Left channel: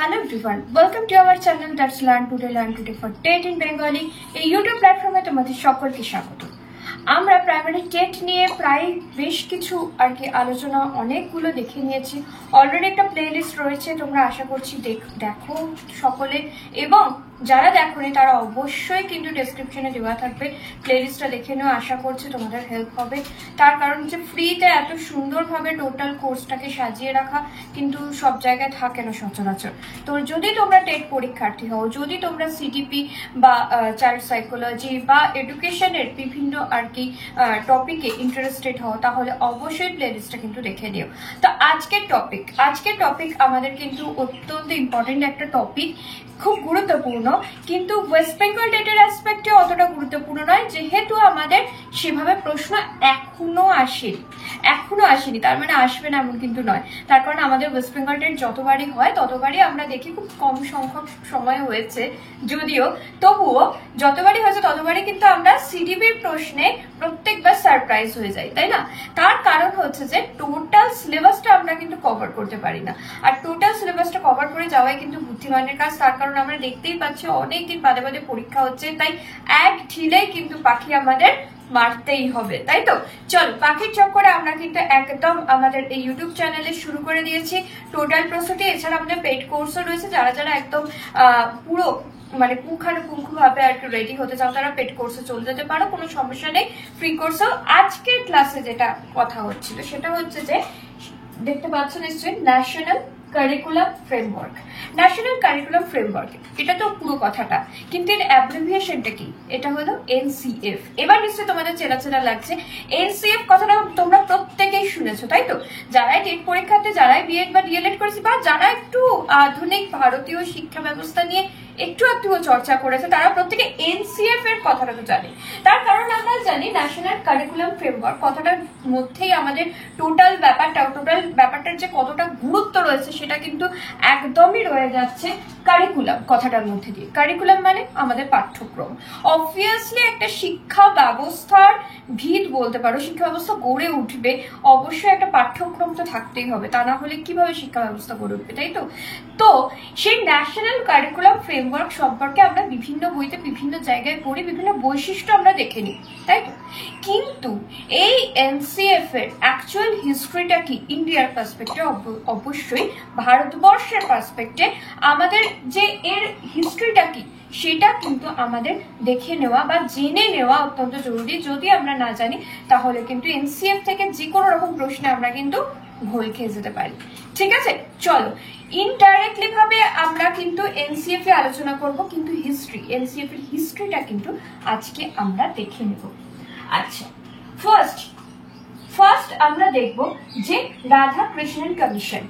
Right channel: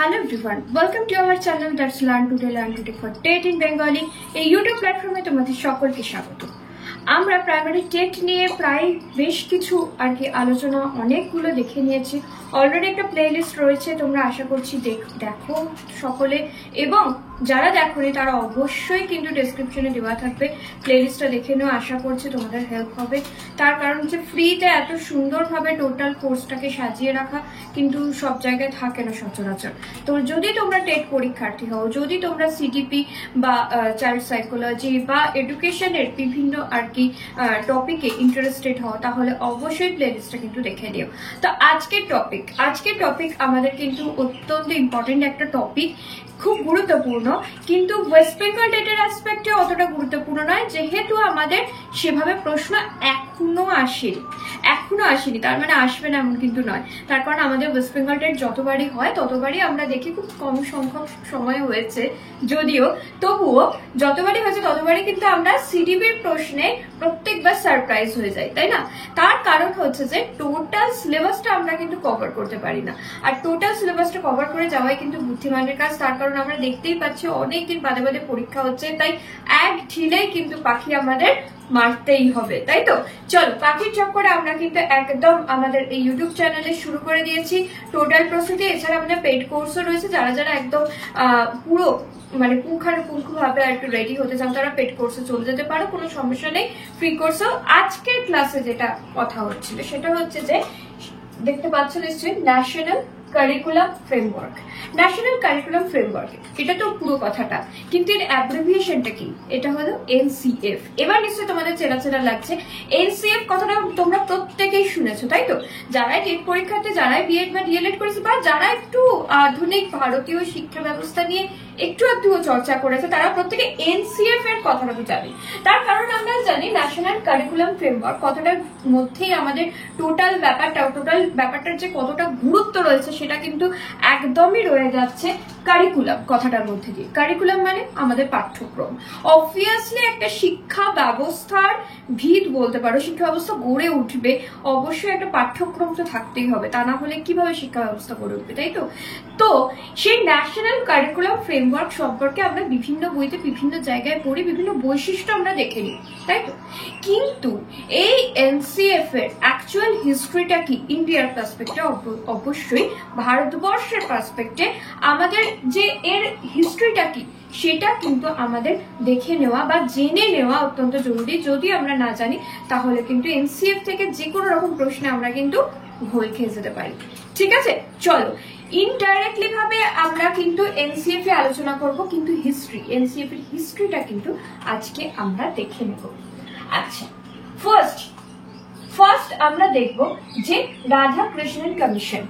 Hello everyone, welcome to our channel that's Learn Today for TET in Bengali. এই YouTube প্ল্যাটফর্মে তোমাদের সকলকে স্বাগত। আমরা প্রাইমারি টেট নিয়ে প্রায় বেশ কিছু আর কি আলোচনা অনেকগুলো দেখে নিয়েছি। অলরেডি একটা প্লেলিস্ট রয়েছে, তোমরা আশা করছি দেখো সকলে, এবং যারা দেখোনি তারা অবশ্যই কিন্তু ডেসক্রিপশনে দেওয়া থাকবে, প্লেলিস্টটা দেখে নেওয়া। আশা করছি তোমাদের হেল্প হবে। তার কারণ হচ্ছে ফ্রিতে এত সুন্দরভাবে টোটাল কোর্সটাকে সাজিয়ে রাখা কিন্তু সব জায়গায় থাকে না সচরাচর। তো যদি তোমরা টেট পরীক্ষার্থী হও, যদি তোমরা সিডিপি বা চাইল্ড সাইকোলজি বা এডুকেশনের বিভিন্ন আর কি টপিকে ইন্টারেস্টেড হও, তাহলে অবশ্যই প্লেলিস্টটা কিন্তু দেখে নিও। তো আজকের টপিক আমাদের কিন্তু অত্যন্ত ইম্পর্টেন্ট একটা টপিক, খুব গুরুত্বপূর্ণ, কিন্তু ওয়েস্ট বেঙ্গল টেটের অ্যাসপেক্টে অতটা গুরুত্বপূর্ণ নয়, যেহেতু আমাদের সেভাবে প্রশ্ন এখনো আসেনি। তার মানে আসবে না এমন কিন্তু নয়। তার কারণ আমাদের ওয়েস্ট বেঙ্গল টেট যতবারই হয় ততবারই আমরা দেখি খুব কম সংখ্যক সময় হয়েছে, যদিও তবুও যতবারই হয়েছে ততবারই কিন্তু আমরা সিডিবির প্রশ্নে প্রত্যেকবার সারপ্রাইজ হয়ে যাই, তাই না? তার কারণ হচ্ছে যে টোটাল সিলেবাসটা আমরা কিন্তু কভার করতে পারি না, আর টোটাল সিলেবাসটা কভার করে যাওয়াই কিন্তু বুদ্ধিমানের কাজ। তার কারণ আমরা দেখতেই পাচ্ছি অনেকদিন বাদে বাদে পরীক্ষা হচ্ছে, তাই এক ঢিলেই কিন্তু পাখি আমাদের মারতেই হবে, তাই তো? চলো, পাখির চক্করে আমরা কিন্তু একদম আমাদের এই ইউটিউব চ্যানেলে শুরু করে দিয়েছি টোটাল প্রস্তুতি। এছাড়া আমাদের পেইড কোর্সও রয়েছে, যারা একদম পুরো মানে পুঙ্খানুপুঙ্খভাবে আর কি রেডি হতে চাও তারা পেড কোর্সে চলে যেতে পারো, কোনো সমস্যা নেই। ফ্রি কোর্সেও আজকের ক্লাসে যেটা কথা হচ্ছিল সেটা হচ্ছে যে, দেখতে পাচ্ছ নিশ্চয়ই, ন্যাশনাল কারিকুলাম ফ্রেমওয়ার্ক। এটা তো পুরো কথাটা, কিন্তু এর অ্যাব্রিভিয়েশনটা কি? এটা হলো এনসিএফ। এবার নিশ্চয়ই তোমাদের চেনা লাগছে। এনসিএফ কথাটা তোমরা প্রত্যেকেই শুনেছো, তাই তো? যারাই টেট পরীক্ষাতে, যারাই বিএড বা ডিএলএড করেছে, বা যারা একটু আধুনিক ভারতীয় শিক্ষা ব্যবস্থা নিয়ে একটু চর্চা করেছে, তারা প্রত্যেকে এনসিএফ এর কথাটা তো জানে। তার কারণ আমরা জানি ন্যাশনাল কারিকুলাম ফ্রেমওয়ার্ক কথাটার মধ্যেই আমাদের টোটাল ব্যাপারটার যে কতটা গুরুত্ব রয়েছে সেটা কিন্তু একদমই রয়ে যাচ্ছে কারিকুলাম কথাটার মধ্যে দিয়ে। কারিকুলাম মানে আমাদের পাঠ্যক্রম। অবভিয়াসলি একটা শিক্ষা ব্যবস্থার ভিত বলতে পারো, শিক্ষা ব্যবস্থা গড়ে উঠবে, অবশ্যই একটা পাঠ্যক্রম তো থাকতেই হবে, তা না হলে কিভাবে শিক্ষা ব্যবস্থা গড়ে উঠবে, তাই তো? তো সেই ন্যাশনাল কারিকুলাম ফ্রেমওয়ার্ক সম্পর্কে আমরা বিভিন্ন বইতে বিভিন্ন জায়গায় পড়ি, বিভিন্ন বৈশিষ্ট্য আমরা দেখে নিই, তাই তো? কিন্তু এই এনসিএফ এর অ্যাকচুয়াল হিস্ট্রিটা কি ইন্ডিয়ার পার্সপেক্টে, অবশ্যই ভারতবর্ষের পার্সপেক্টে আমাদের যে এর হিস্ট্রিটা কি সেটা কিন্তু আমাদের দেখে নেওয়া বা জেনে নেওয়া অত্যন্ত জরুরি। যদি আমরা না জানি তাহলে কিন্তু এনসিএফ থেকে যে কোনো রকম প্রশ্নে আমরা কিন্তু ঘোল খেয়ে যেতে পারি। ঠিক আছে, চলো ইনডাইরেক্টলি ভাবে আমরা কিন্তু এনসিএফ এ আলোচনা করব, কিন্তু এনসিএফ এর হিস্ট্রিটা কিন্তু আজকে আমরা দেখে নেব। আচ্ছা, ফার্স্ট আমরা দেখব যে রাধাকৃষ্ণন কমিশন।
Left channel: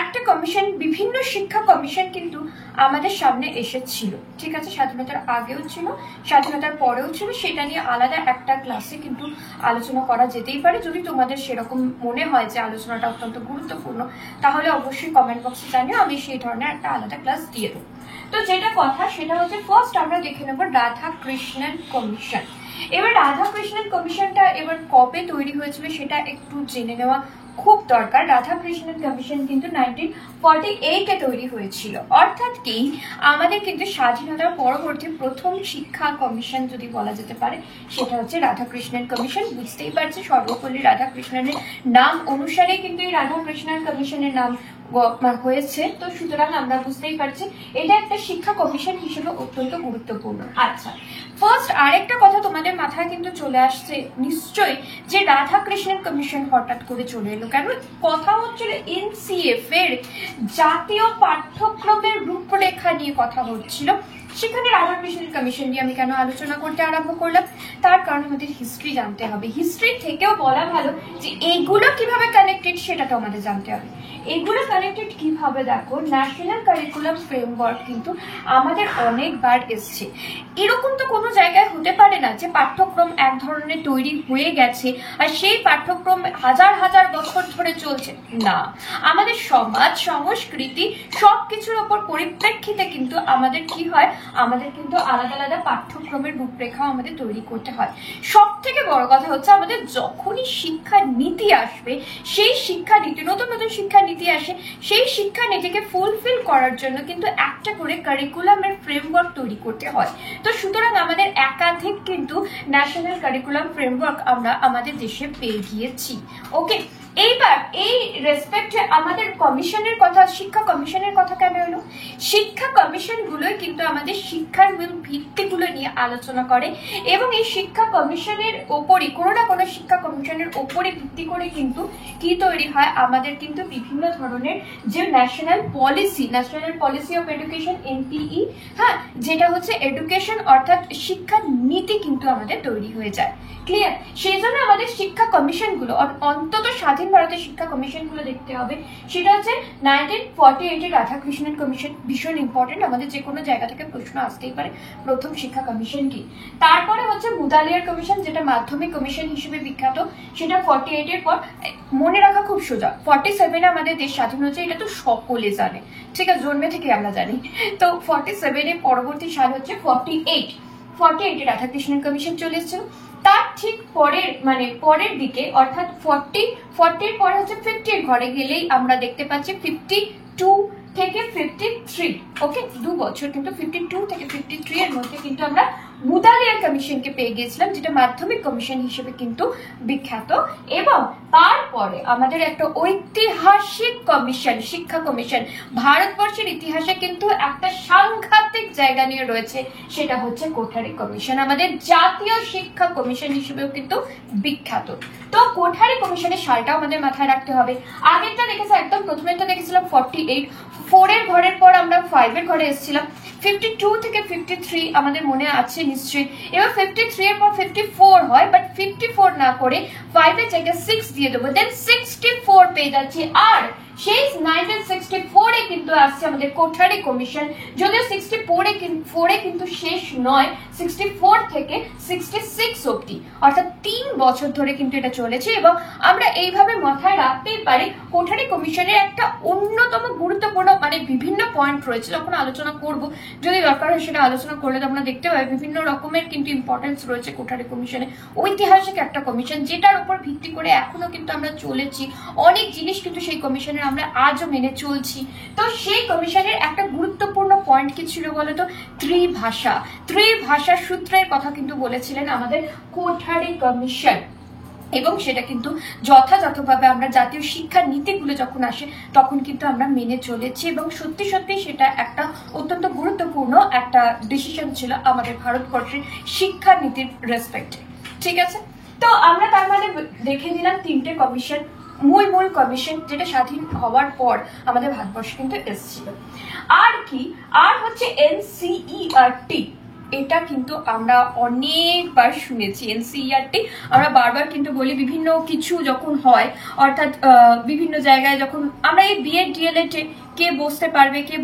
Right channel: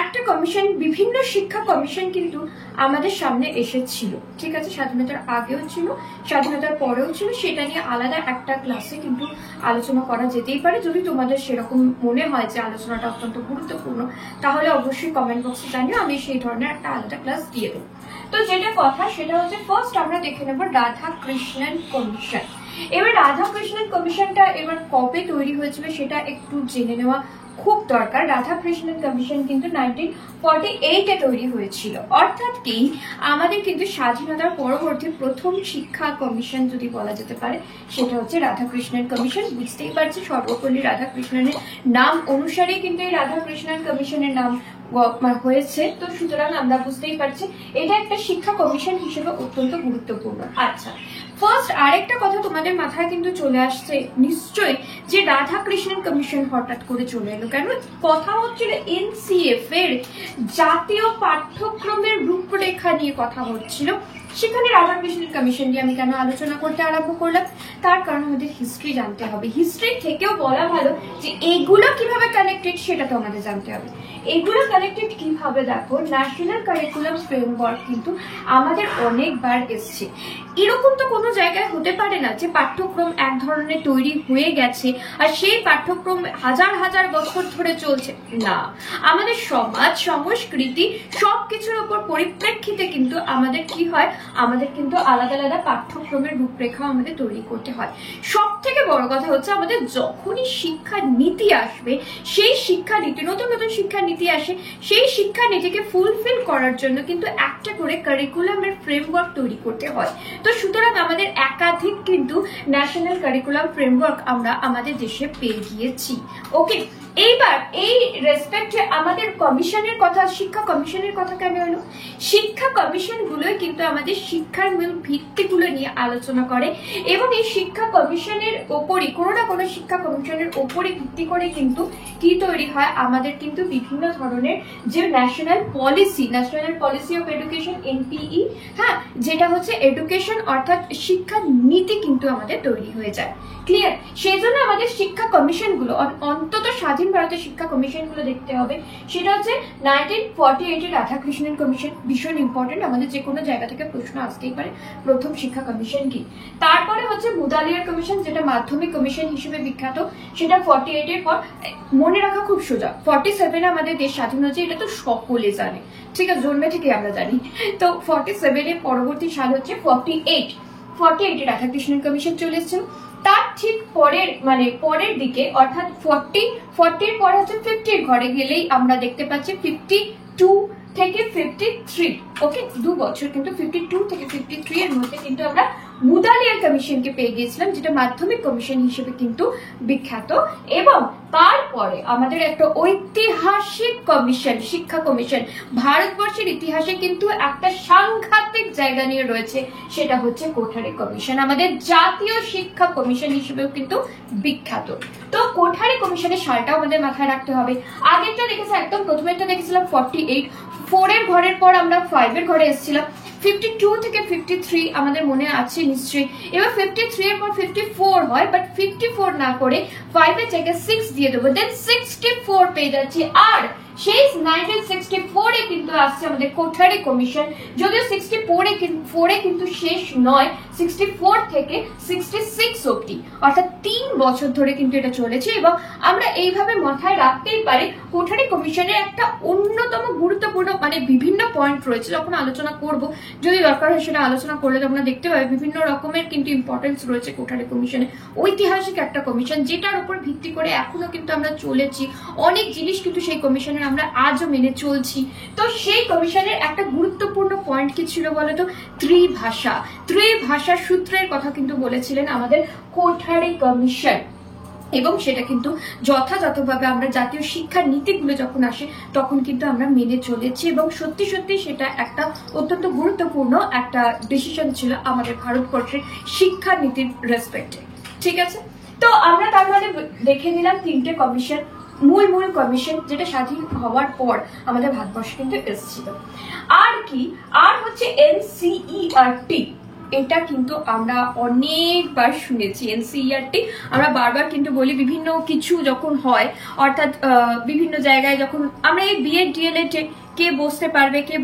একটা কমিশন, বিভিন্ন শিক্ষা কমিশন কিন্তু আমাদের সামনে এসেছিল, ঠিক আছে? স্বাধীনতার আগেও ছিল, স্বাধীনতার পরেও ছিল। সেটা নিয়ে আলাদা একটা ক্লাসে কিন্তু আলোচনা করা যেতেই পারে। যদি তোমাদের সেরকম মনে হয় যে আলোচনাটা অত্যন্ত গুরুত্বপূর্ণ, তাহলে অবশ্যই কমেন্ট বক্সে জানিও, আমি সেই ধরনের একটা আলাদা ক্লাস দিয়ে দেবো। তো যেটা কথা সেটা হচ্ছে, ফার্স্ট আমরা দেখে নেব রাধাকৃষ্ণন কমিশন। এবার রাধাকৃষ্ণন কমিশনটা এবার কবে তৈরি হয়েছিল সেটা একটু জেনে নেওয়া খুব দরকার। রাধাকৃষ্ণন কমিশন কিন্তু 1948-এ তৈরি হয়েছিল, অর্থাৎ কি আমাদের কিন্তু স্বাধীনতার পরবর্তী প্রথম শিক্ষা কমিশন যদি বলা যেতে পারে সেটা হচ্ছে রাধাকৃষ্ণন কমিশন। বুঝতেই পারছি সর্বপল্লী রাধাকৃষ্ণনের নাম অনুসারে কিন্তু এই রাধাকৃষ্ণন কমিশনের নাম হয়েছে, তো সুতরাং আমরা বুঝতেই পারছি এটা একটা শিক্ষা কমিশন হিসেবে অত্যন্ত গুরুত্বপূর্ণ। আচ্ছা, ফার্স্ট আরেকটা কথা তোমাদের মাথায় কিন্তু চলে আসছে নিশ্চয়ই, যে রাধাকৃষ্ণন কমিশন হঠাৎ করে চলে এলো কেন? কথা হচ্ছিল এনসিএফ এর জাতীয় পাঠ্যক্রমের রূপরেখা নিয়ে কথা হচ্ছিল, সেখানে রাধাকৃষ্ণন কমিশন নিয়ে আমি কেন আলোচনা করতে আরম্ভ করলাম? তার কারণ আমাদের হিস্ট্রি জানতে হবে। হিস্ট্রি থেকেও বলা ভালো যে এগুলো কিভাবে কানেক্টেড সেটা তো আমাদের জানতে হবে। এগুলো কানেক্টেড কিভাবে? দেখো, ন্যাশনাল কারিকুলাম ফ্রেমওয়ার্ক কিন্তু আমাদের অনেকবার এসছে। এরকম তো কোনো জায়গায় হতে পারে না যে পাঠ্যক্রম এক ধরনের তৈরি হয়ে গেছে আর সেই পাঠ্যক্রম হাজার হাজার বছর ধরে চলছে না। আমাদের সমাজ সংস্কৃতি সবকিছুর উপর পরিপ্রেক্ষিতে কিন্তু আমাদের কি হয়, আমাদের কিন্তু আলাদা আলাদা পাঠ্যক্রমের রূপরেখা আমাদের তৈরি করতে হয়। সব থেকে বড় কথা হচ্ছে আমাদের যখনই শিক্ষা নীতি আসবে, সেই শিক্ষা নীতি, নতুন নতুন শিক্ষা নীতি আসে, সেই শিক্ষা নীতিকে ফুলফিল করার জন্য কিন্তু একটা করে কারিকুলামের ফ্রেমওয়ার্ক তৈরি করতে হয়। তো সুতরাং আমাদের একাধিক কিন্তু ন্যাশনাল কারিকুলাম ফ্রেমওয়ার্ক আমরা আমাদের দেশে পেয়ে গিয়েছি। ওকে, এইবার এই রেসপেক্টে আমাদের কমিশনের কথা, শিক্ষা কমিশনের কথা কেন হলো? শিক্ষা কমিশন গুলোই কিন্তু আমাদের শিক্ষার মূল ভিত্তিগুলো নিয়ে আলোচনা করে এবং এই শিক্ষা কমিশনের ওপরই, কোনো না কোনো শিক্ষা কমিশনের ওপরে ভিত্তি করে কিন্তু কি তৈরি হয়, আমাদের কিন্তু বিভিন্ন ধরনের যে national policy of education, NPE, হ্যাঁ, যেটা হচ্ছে এডুকেশন অর্থাৎ শিক্ষা নীতি কিন্তু আমাদের তৈরি হয়ে যায়। ক্লিয়ার? সেই জন্য আমাদের শিক্ষা কমিশন গুলো, অন্তত স্বাধীন ভারতের শিক্ষা কমিশন গুলো দেখতে হবে। সেটা হচ্ছে 1948 এর রাধাকৃষ্ণন কমিশন, ভীষণ ইম্পর্টেন্ট, আমাদের যে কোনো জায়গা থেকে প্রশ্ন আসতেই পারে প্রথম শিক্ষা কমিশন কি। তারপরে হচ্ছে মুদালিয়ার কমিশন, যেটা মাধ্যমিক কমিশন হিসেবে বিখ্যাত, সেটা 48 এর পর। মনে রাখা খুব সোজা, 47 আমাদের দেশ স্বাধীন হচ্ছে, এটা তো সকলে জানে, ঠিক আছে, জন্মে থেকে আমরা জানি। তো 47 এর পরবর্তী সাল হচ্ছে 48 রাধাকৃষ্ণন কমিশন চলে এসেছিল। তার ঠিক পরের দিকে অর্থাৎ 40 পরে হচ্ছে 50 ঘরে গেলেই আমরা দেখতে পাচ্ছি 52 থেকে 53, ওকে, 2 বছর কিন্তু 52 থেকে 53 এর মধ্যে কিন্তু আমরা মুদালিয়ার কমিশনকে পেয়ে গিয়েছিলাম, যেটা মাধ্যমিক কমিশন হিসেবে কিন্তু বিখ্যাত। এবং তারপরে আমাদের একটা ঐতিহাসিক কমিশন, শিক্ষা কমিশন, ভারতবর্ষের ইতিহাসে কিন্তু একটা সাংঘাতিক জায়গা নিয়ে রয়েছে, সেটা হচ্ছে কোঠারি কমিশন, আমাদের জাতীয় শিক্ষা কমিশন হিসেবেও কিন্তু বিখ্যাত। তো কোঠারি কমিশনের সালটাও আমাদের মাথায় রাখতে হবে। আগেরটা দেখেছি, একদম প্রথমেরটা দেখেছিলাম 48, 4 এর ঘরের পর আমরা 5 এর ঘরে এসেছিলাম, 52 থেকে 53 আমাদের মনে আছে নিশ্চয়ই। এবার 53 এর পর 54 হয়, বাট 54 না করে 5 এর জায়গায় 6 দিয়ে দেবো, দেন 64 পেয়ে যাচ্ছি। আর সেই 1964 এ কিন্তু আসছে আমাদের কোঠারি কমিশন, যদিও 64 এ কিন্তু শেষ নয়, 64 থেকে 66 অব্দি, অর্থাৎ 3 বছর ধরে কিন্তু এটা চলেছে। এবং আমরা এইভাবে মাথায় রাখতেই পারি কোঠারি কমিশনের একটা অন্যতম গুরুত্বপূর্ণ বিভিন্ন পয়েন্ট রয়েছে, যখন আলোচনা করব, যদি দরকার হয় সেটা আলোচনা করলে তোমরা দেখতে পাবে বিভিন্ন রকমের কিন্তু ইম্পর্টেন্স রয়েছে কোঠারি কমিশনে। ঐতিহাসিক একটা কমিশন, যেটার উপর ভিত্তি করে এখনো কিন্তু আমরা চলেছি, অনেক জিনিস কিন্তু সেই কমিশনের আমরা আজও মেনে চলছি। তো সেই কমিশনের একটা গুরুত্বপূর্ণ পয়েন্ট কি ছিল বলতো? ত্রিভাষা সূত্রের কথা কিন্তু বলেছিলেন আমাদের কোঠারি কমিশন, এবং সেটা কিন্তু যথাযথভাবে আমরা জাতীয় শিক্ষা নীতিগুলো যখন আসে তখন কিন্তু আমরা মেনে চলেছি, এবং সত্যি সত্যি সেটা একটা অত্যন্ত গুরুত্বপূর্ণ একটা ডিসিশন ছিল আমাদের ভারতবর্ষের শিক্ষা নীতির রেসপেক্টে। ঠিক আছে, তো আমরা তার মানে দেখে নিলাম 3টে কমিশন, মূল কমিশন, যেটা স্বাধীন হওয়ার পর আমাদের ভারতবর্ষে কিন্তু এসেছিল। আর হচ্ছে এনসিইআরটি, এটা কিন্তু আমরা অনেকবার শুনেছি। এনসিইআরটি আমরা বারবার কিন্তু বলি, বিভিন্ন কিছু যখন হয়, অর্থাৎ বিভিন্ন জায়গায় যখন আমরা এই বিএড ডিএলএড কে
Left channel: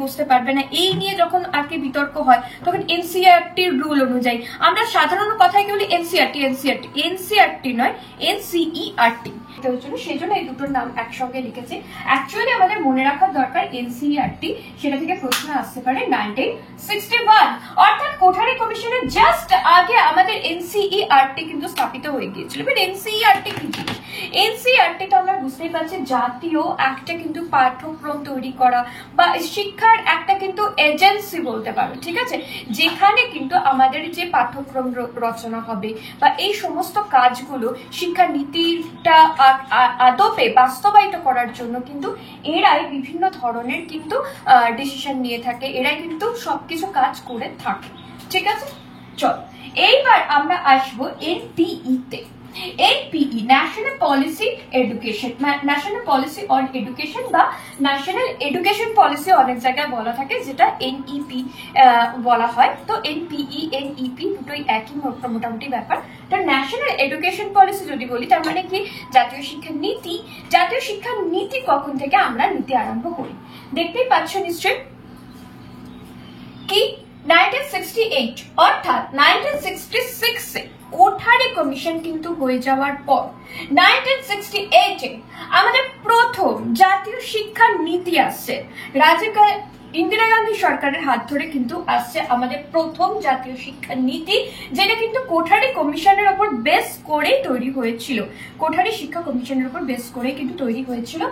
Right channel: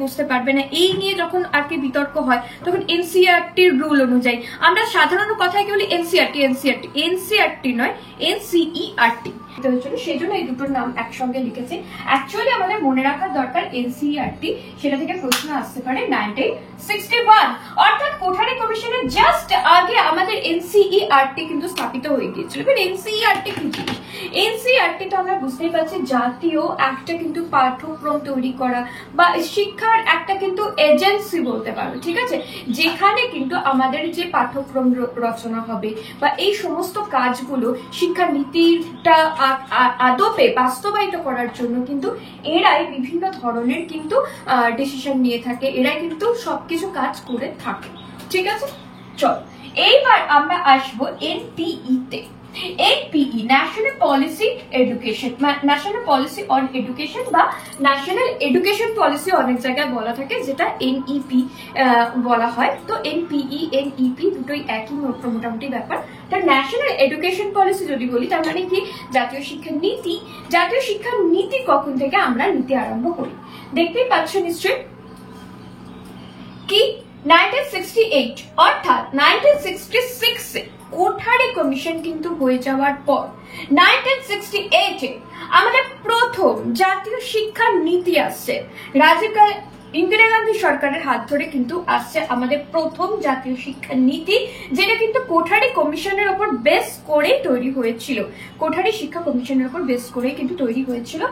বসতে পারবে না এই নিয়ে যখন আর কি বিতর্ক হয়, তখন এনসিইআরটির রুল অনুযায়ী আমরা সাধারণ কথায় কি বলি, এনসিইআরটি নয়, এনসিইআরটি। সেই জন্য এই দুটোর নাম একসঙ্গে লিখেছে। অ্যাকচুয়ালি আমাদের মনে রাখার দরকার এনসিইআরটি, সেটা থেকে প্রশ্ন আসতে পারে 1961, অর্থাৎ কোঠারি কমিশনের জাস্ট আগে আমাদের এনসিইআরটি কিন্তু স্থাপিত হয়ে গিয়েছিল। এনসিইআরটি কি জিনিস? এনসিইআরটি তো আমরা বুঝতেই পারছি, জাতীয় একটা কিন্তু পাঠ্যক্রম তৈরি করা বা শিক্ষার একটা কিন্তু এজেন্সি বলতে পারো, ঠিক আছে, যেখানে কিন্তু আমাদের যে পাঠ্যক্রম রচনা হবে বা এই সমস্ত কাজগুলো শিক্ষা নীতিটা আদপে বাস্তবায়িত করার জন্য কিন্তু এরাই বিভিন্ন ধরনের কিন্তু ডিসিশন নিয়ে থাকে, এরাই কিন্তু সবকিছু কাজ করে থাকে। ঠিক আছে, চল এইবার আমরা আসবো এনপিই তে। NPE national policy education, national policy on education বা ন্যাশনাল এডুকেশন পলিসি অনেক জায়গায় বলা থাকে, যেটা এনইপি বলা হয়। তো এনপিই এনইপি দুটোই একই মোটামুটি ব্যাপার। তো ন্যাশনাল এডুকেশন পলিসি যদি বলি, তার মানে কি? জাতীয় শিক্ষা নীতি। জাতীয় শিক্ষা নীতি কখন থেকে আমরা নীতি আরম্ভ করি? দেখতেই পাচ্ছ নিশ্চয়ই, কি 1968, অর্থাৎ 1966 এ কোঠারি কমিশন কিন্তু হয়ে যাওয়ার পর 1968 এ আমাদের প্রথম জাতীয় শিক্ষা নীতি আসছে। ইন্দিরা গান্ধী সরকারের হাত ধরে কিন্তু আসছে আমাদের প্রথম জাতীয় শিক্ষা নীতি, যেটা কিন্তু কোঠারি কমিশনের উপর বেস করে তৈরি হয়েছিল। কোঠারি শিক্ষা কমিশনের উপর বেস করে কিন্তু তৈরি হয়েছিল।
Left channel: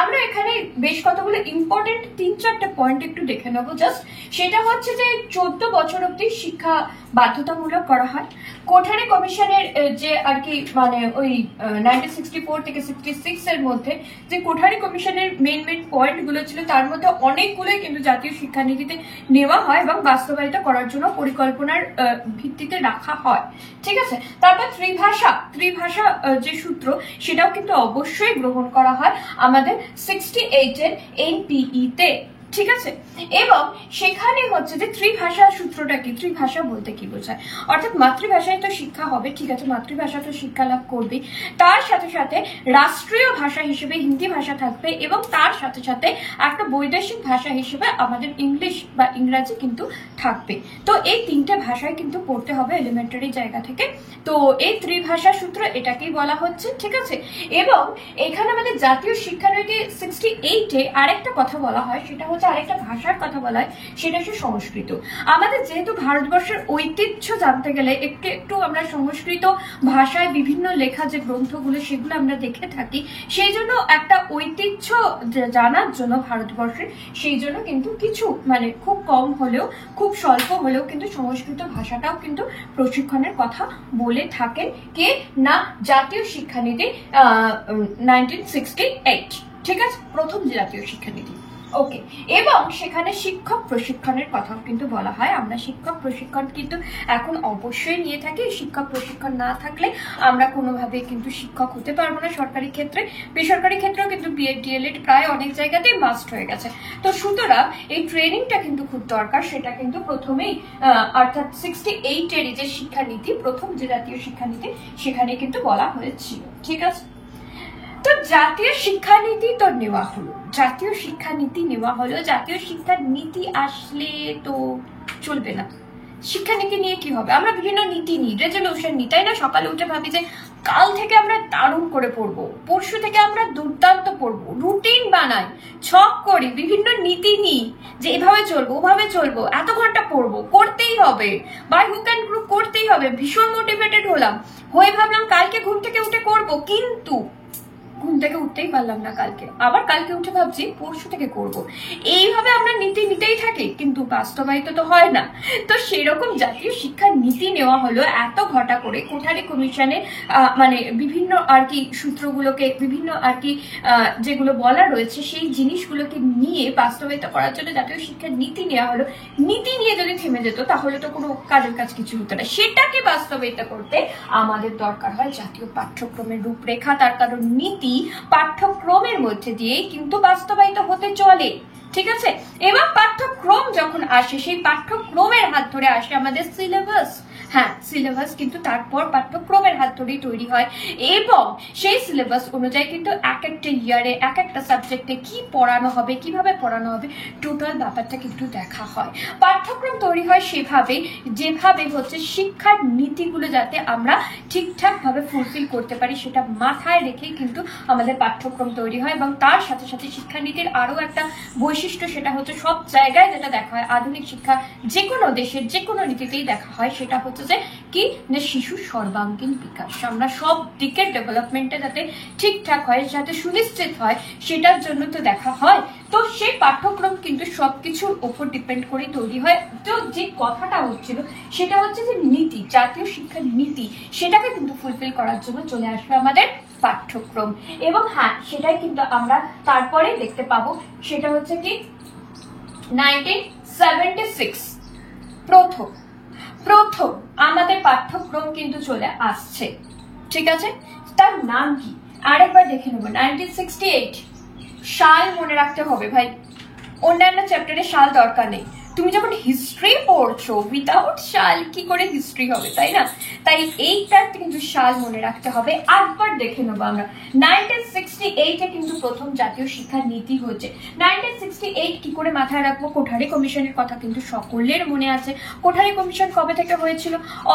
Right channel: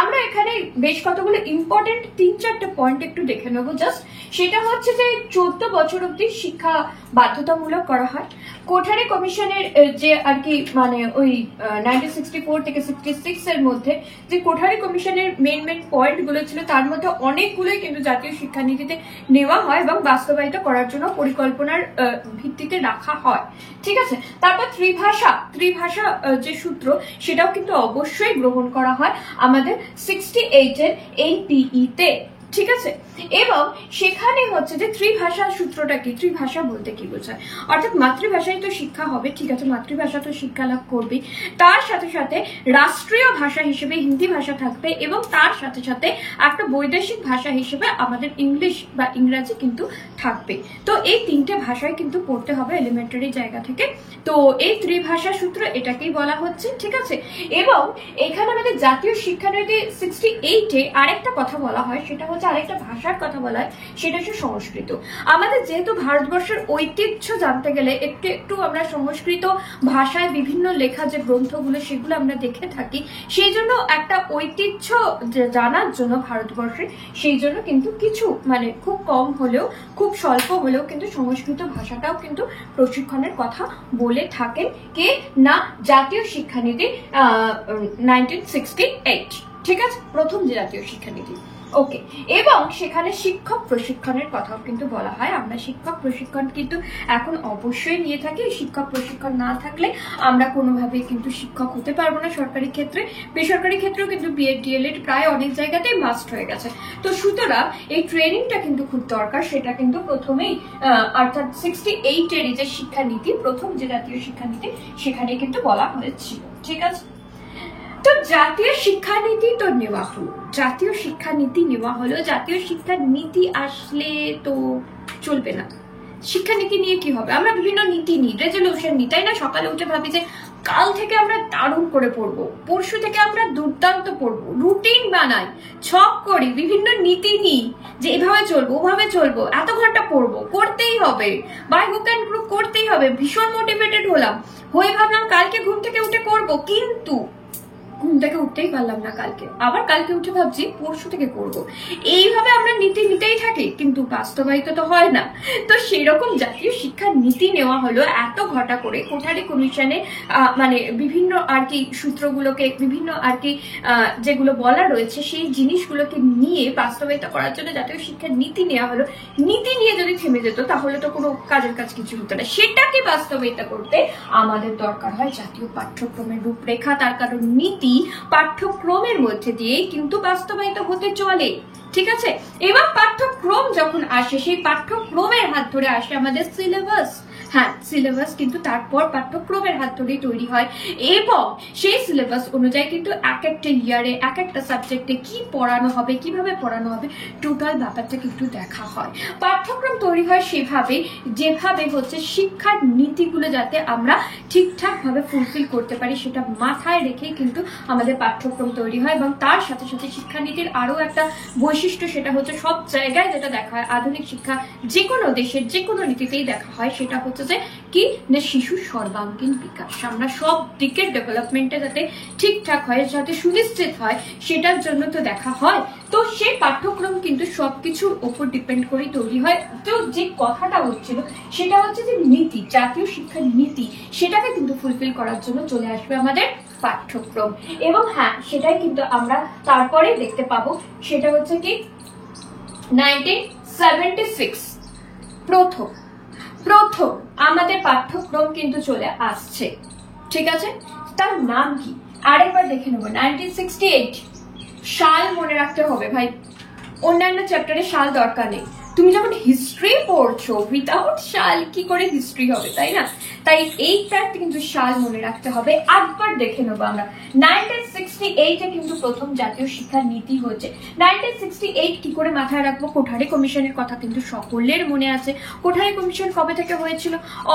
আমরা এখানে বেশ কতগুলো ইম্পর্টেন্ট 3-4টা পয়েন্ট একটু দেখে নেবো জাস্ট। সেটা হচ্ছে যে 14 বছর অব্দি শিক্ষা বাধ্যতামূলক করা হয়। কোঠারি কমিশনের যে আর কি মানে ওই 1964 থেকে 66 এর মধ্যে যে কোঠারি কমিশনের মেন পয়েন্ট গুলো ছিল, তার মধ্যে অনেকগুলোই কিন্তু জাতীয় শিক্ষানীতিতে নেওয়া হয় এবং বাস্তবায়িত করার জন্য পরিকল্পনার ভিত্তিতে রাখা হয়। ঠিক আছে, তারপর ত্রিভাষা যে সূত্র, সেটাও কিন্তু অবশ্যই গ্রহণ করা হয় আমাদের 68 এর NPE তে। ঠিক আছে, এবং সেখানে হচ্ছে যে ত্রিভাষা সূত্রটা কি, ত্রিভাষা বলতে কি বোঝায়, অর্থাৎ মাতৃভাষায় তো শিক্ষা হবে, ঠিক আছে, মাতৃভাষা তো শিক্ষা লাভ করবে, তার সাথে সাথে রাষ্ট্রীয় ভাষা হিসেবে হিন্দি ভাষা থাকবে এবং তার সাথে সাথে একটা বৈদেশিক ভাষা হিসেবে আমাদের ইংলিশ বা ইংরাজি কিন্তু থাকবে। তো এই 3টে ভাষায় কিন্তু পড়তে হবে এলিমেন্টারি জায়গা থেকে। তো এই ত্রিভাষা সূত্র এটাকেই বলা হচ্ছে। ঠিক আছে, এবং এখানে আমাদের জাতীয় শিক্ষানীতি 68-এ আরেকটা কথা বলা হয়, সেটা হচ্ছে আরেকটা ভাষার কথা বলা হয়, সেটা হচ্ছে সংস্কৃত। আমাদের যেহেতু ভারতবর্ষের ঐতিহ্য জানতে গেলে একটু একটু আমরা সংস্কৃত ভাষায় বিভিন্ন লেখা যে গ্রন্থগুলো সেগুলো আমরা দেখে থাকি, সেই জন্য একটা ঐতিহ্য জানার জন্য ভারতবর্ষে, সেই জন্য কিন্তু কিছু মানে খুব কম হলেও খুব স্বল্প হলেও কিন্তু সংস্কৃত ভাষাটাও কিন্তু প্রশিক্ষণের কথা বলে থাকেন কে না, জাতীয় শিক্ষানীতি 1968। ঠিক আছে, প্রথম যে জাতীয় শিক্ষানীতি। ওকে, এবং সেখানে শিক্ষক প্রশিক্ষণের কথাও কিন্তু বলা হয়। আমরা শিক্ষক প্রশিক্ষণ কিন্তু এখন অবশ্যই নিয়ে থাকি। শিক্ষক প্রশিক্ষণ না থাকলে আমরা কোনোভাবে কিন্তু শিক্ষক হতে পারবো না সরকারি ক্ষেত্রে। বেসরকারি ক্ষেত্রেও কিন্তু বিএড ডিএলএড প্রায় অনেক জায়গাতেই মাস্ট হয়ে গেছে। তো সুতরাং এই ট্রেনিংটা কিন্তু খুব দরকার। সেটা কিন্তু প্রথমেই অর্থাৎ 68-এর যে শিক্ষানীতি, প্রথম যে জাতীয় শিক্ষানীতি, সেখানে কিন্তু বলা হয়েছিল। ঠিক আছে, তো জাতীয় শিক্ষানীতি তো নেওয়া হলো, জাতীয় শিক্ষানীতি নেওয়া হলো। জাতীয় শিক্ষা নীতি আসলে তো চলবে না। শিক্ষানীতি নিয়ে কি হবে, আমরা বিভিন্ন নীতি নিই, রেজলিউশন নিই, তাই না? সকালে উঠে ভাবি যে কাল থেকে আমরা দারুণ করে পড়বো, পরশু থেকে আমরা দুর্দান্ত পড়বো, রুটিন বানাই, ছক করি, বিভিন্ন নীতি নিই যে এভাবে চলবো ওভাবে চলবো, এত ঘন্টা পড়বো, করতেই হবে, বাই হুক অ্যান্ড ক্রুক করতেই হবে। ভীষণ মোটিভেটেড হলাম, হয়ে ভাবলাম কালকে ঘুম থেকে উঠে করবো, কিন্তু ঘুম থেকে উঠতেই পারলাম না কালকে, আবার কালকে উঠে ভাবছি পরশু থেকে করব। এইভাবে আমরা নীতি নিতেই থাকি, কিন্তু বাস্তবায়িত তো হয় না। তো সেরকম জাতীয় শিক্ষার নীতি নেওয়া হলো এত ঘটা করে কোঠারি কমিশনে, মানে বিভিন্ন আর কি সূত্রগুলোকে, বিভিন্ন আর কি যেগুলো বলা রয়েছে সেই জিনিসগুলোকে নিয়ে বাস্তবায়িত করার জন্য জাতীয় শিক্ষার নীতি নেওয়া হলো। নীতি নিয়ে যদি থেমে যেত তাহলে তো কোনো কাজের কাজ কিছু হতো না। সেটাকে বাস্তবায়িত করতে আমাদের দরকার হয় জাতীয় পাঠ্যক্রমের রূপরেখা। তার কারণ নীতি পাঠ্যক্রমের মধ্যে দিয়েই কিন্তু বাস্তবায়িত হতে চলে। ঠিক আছে, এবার পাঠ্যক্রম যখন আসে, সেই পাঠ্যক্রমের হাত ধরে আসে আমাদের সিলেবাস। হ্যাঁ, সিলেবাস কিন্তু তারপর পাঠ্যক্রমের হাত ধরেই তৈরি হয় এবং সেই সিলেবাস অনুযায়ী কিন্তু এক একটা ইয়ারে এক একটা সাবজেক্টে কি পড়ানো হবে, কিভাবে পড়ানো হবে, টোটাল ব্যাপারটা কিন্তু দেখা হয়। পাঠ্যক্রম তৈরি হয় সেভাবে যেভাবে হচ্ছে শিক্ষার নীতিগুলো যাতে আমরা ঠিকঠাক ভাবে ফুলফিল করতে পারি, সেটা মাথায় রেখেই কিন্তু আমাদের পাঠ্যক্রম তৈরি হয়। এবং তার সাথে সাথে শিক্ষানীতির আরো একটা বৈশিষ্ট্য, সেটা হচ্ছে সব জায়গায় যেটা দেখা হয়, আধুনিক শিক্ষা যে কোনো দেশের যে কোনো নীতিতেই দেখা হয়, সেটা হচ্ছে যে কি না শিশুর সর্বাঙ্গীন বিকাশ। আমরা সব দিকের ডেভেলপমেন্টে যাতে ঠিকঠাক হয়, যাতে সুনিশ্চিত হয়, সেটার জন্য তো দেখা হয়। তো সেই পাঠ্যক্রম কিন্তু সবকিছুর উপর ডিপেন্ড করে তৈরি হয়। তো যে কথাটা হচ্ছিল সেটা হচ্ছে যে নীতি, জাতীয় শিক্ষার নীতি, সেটাকে কিন্তু ফুলফিল করার জন্য চলে আসবে আমাদের পাঠ্যক্রম। এবং হ্যাঁ, সেটাই কিন্তু আমরা তারপরে দেখতে পাবো, সেটা হচ্ছে কি 1976 প্রথম আমাদের পাঠ্যক্রম কিন্তু চলে আসছে। ঠিক আছে, তার নাম কি আরেকবার দেখে নেবো। 1968 সাল মনে রাখতে হবে ভাই, অন্যান্য চ্যাপ্টারে সাল দরকার নেই। তুমি যখন হিস্ট্রি পড়ছো, উইদাউট সাল কি করে হিস্ট্রি হবে, তাই না? তাই এইটার কিন্তু সাল মনে রাখতে হবে। একবার দেখে নেবো আমরা 1968 1968 কিন্তু প্রথম জাতীয় শিক্ষা নীতি হয়েছে। 1968 কি করে মাথায় রাখবো? কোঠারি কমিশনের কথা কিন্তু সকলের মনে আছে। কোঠারি কমিশন কবে থেকে হয়েছিল?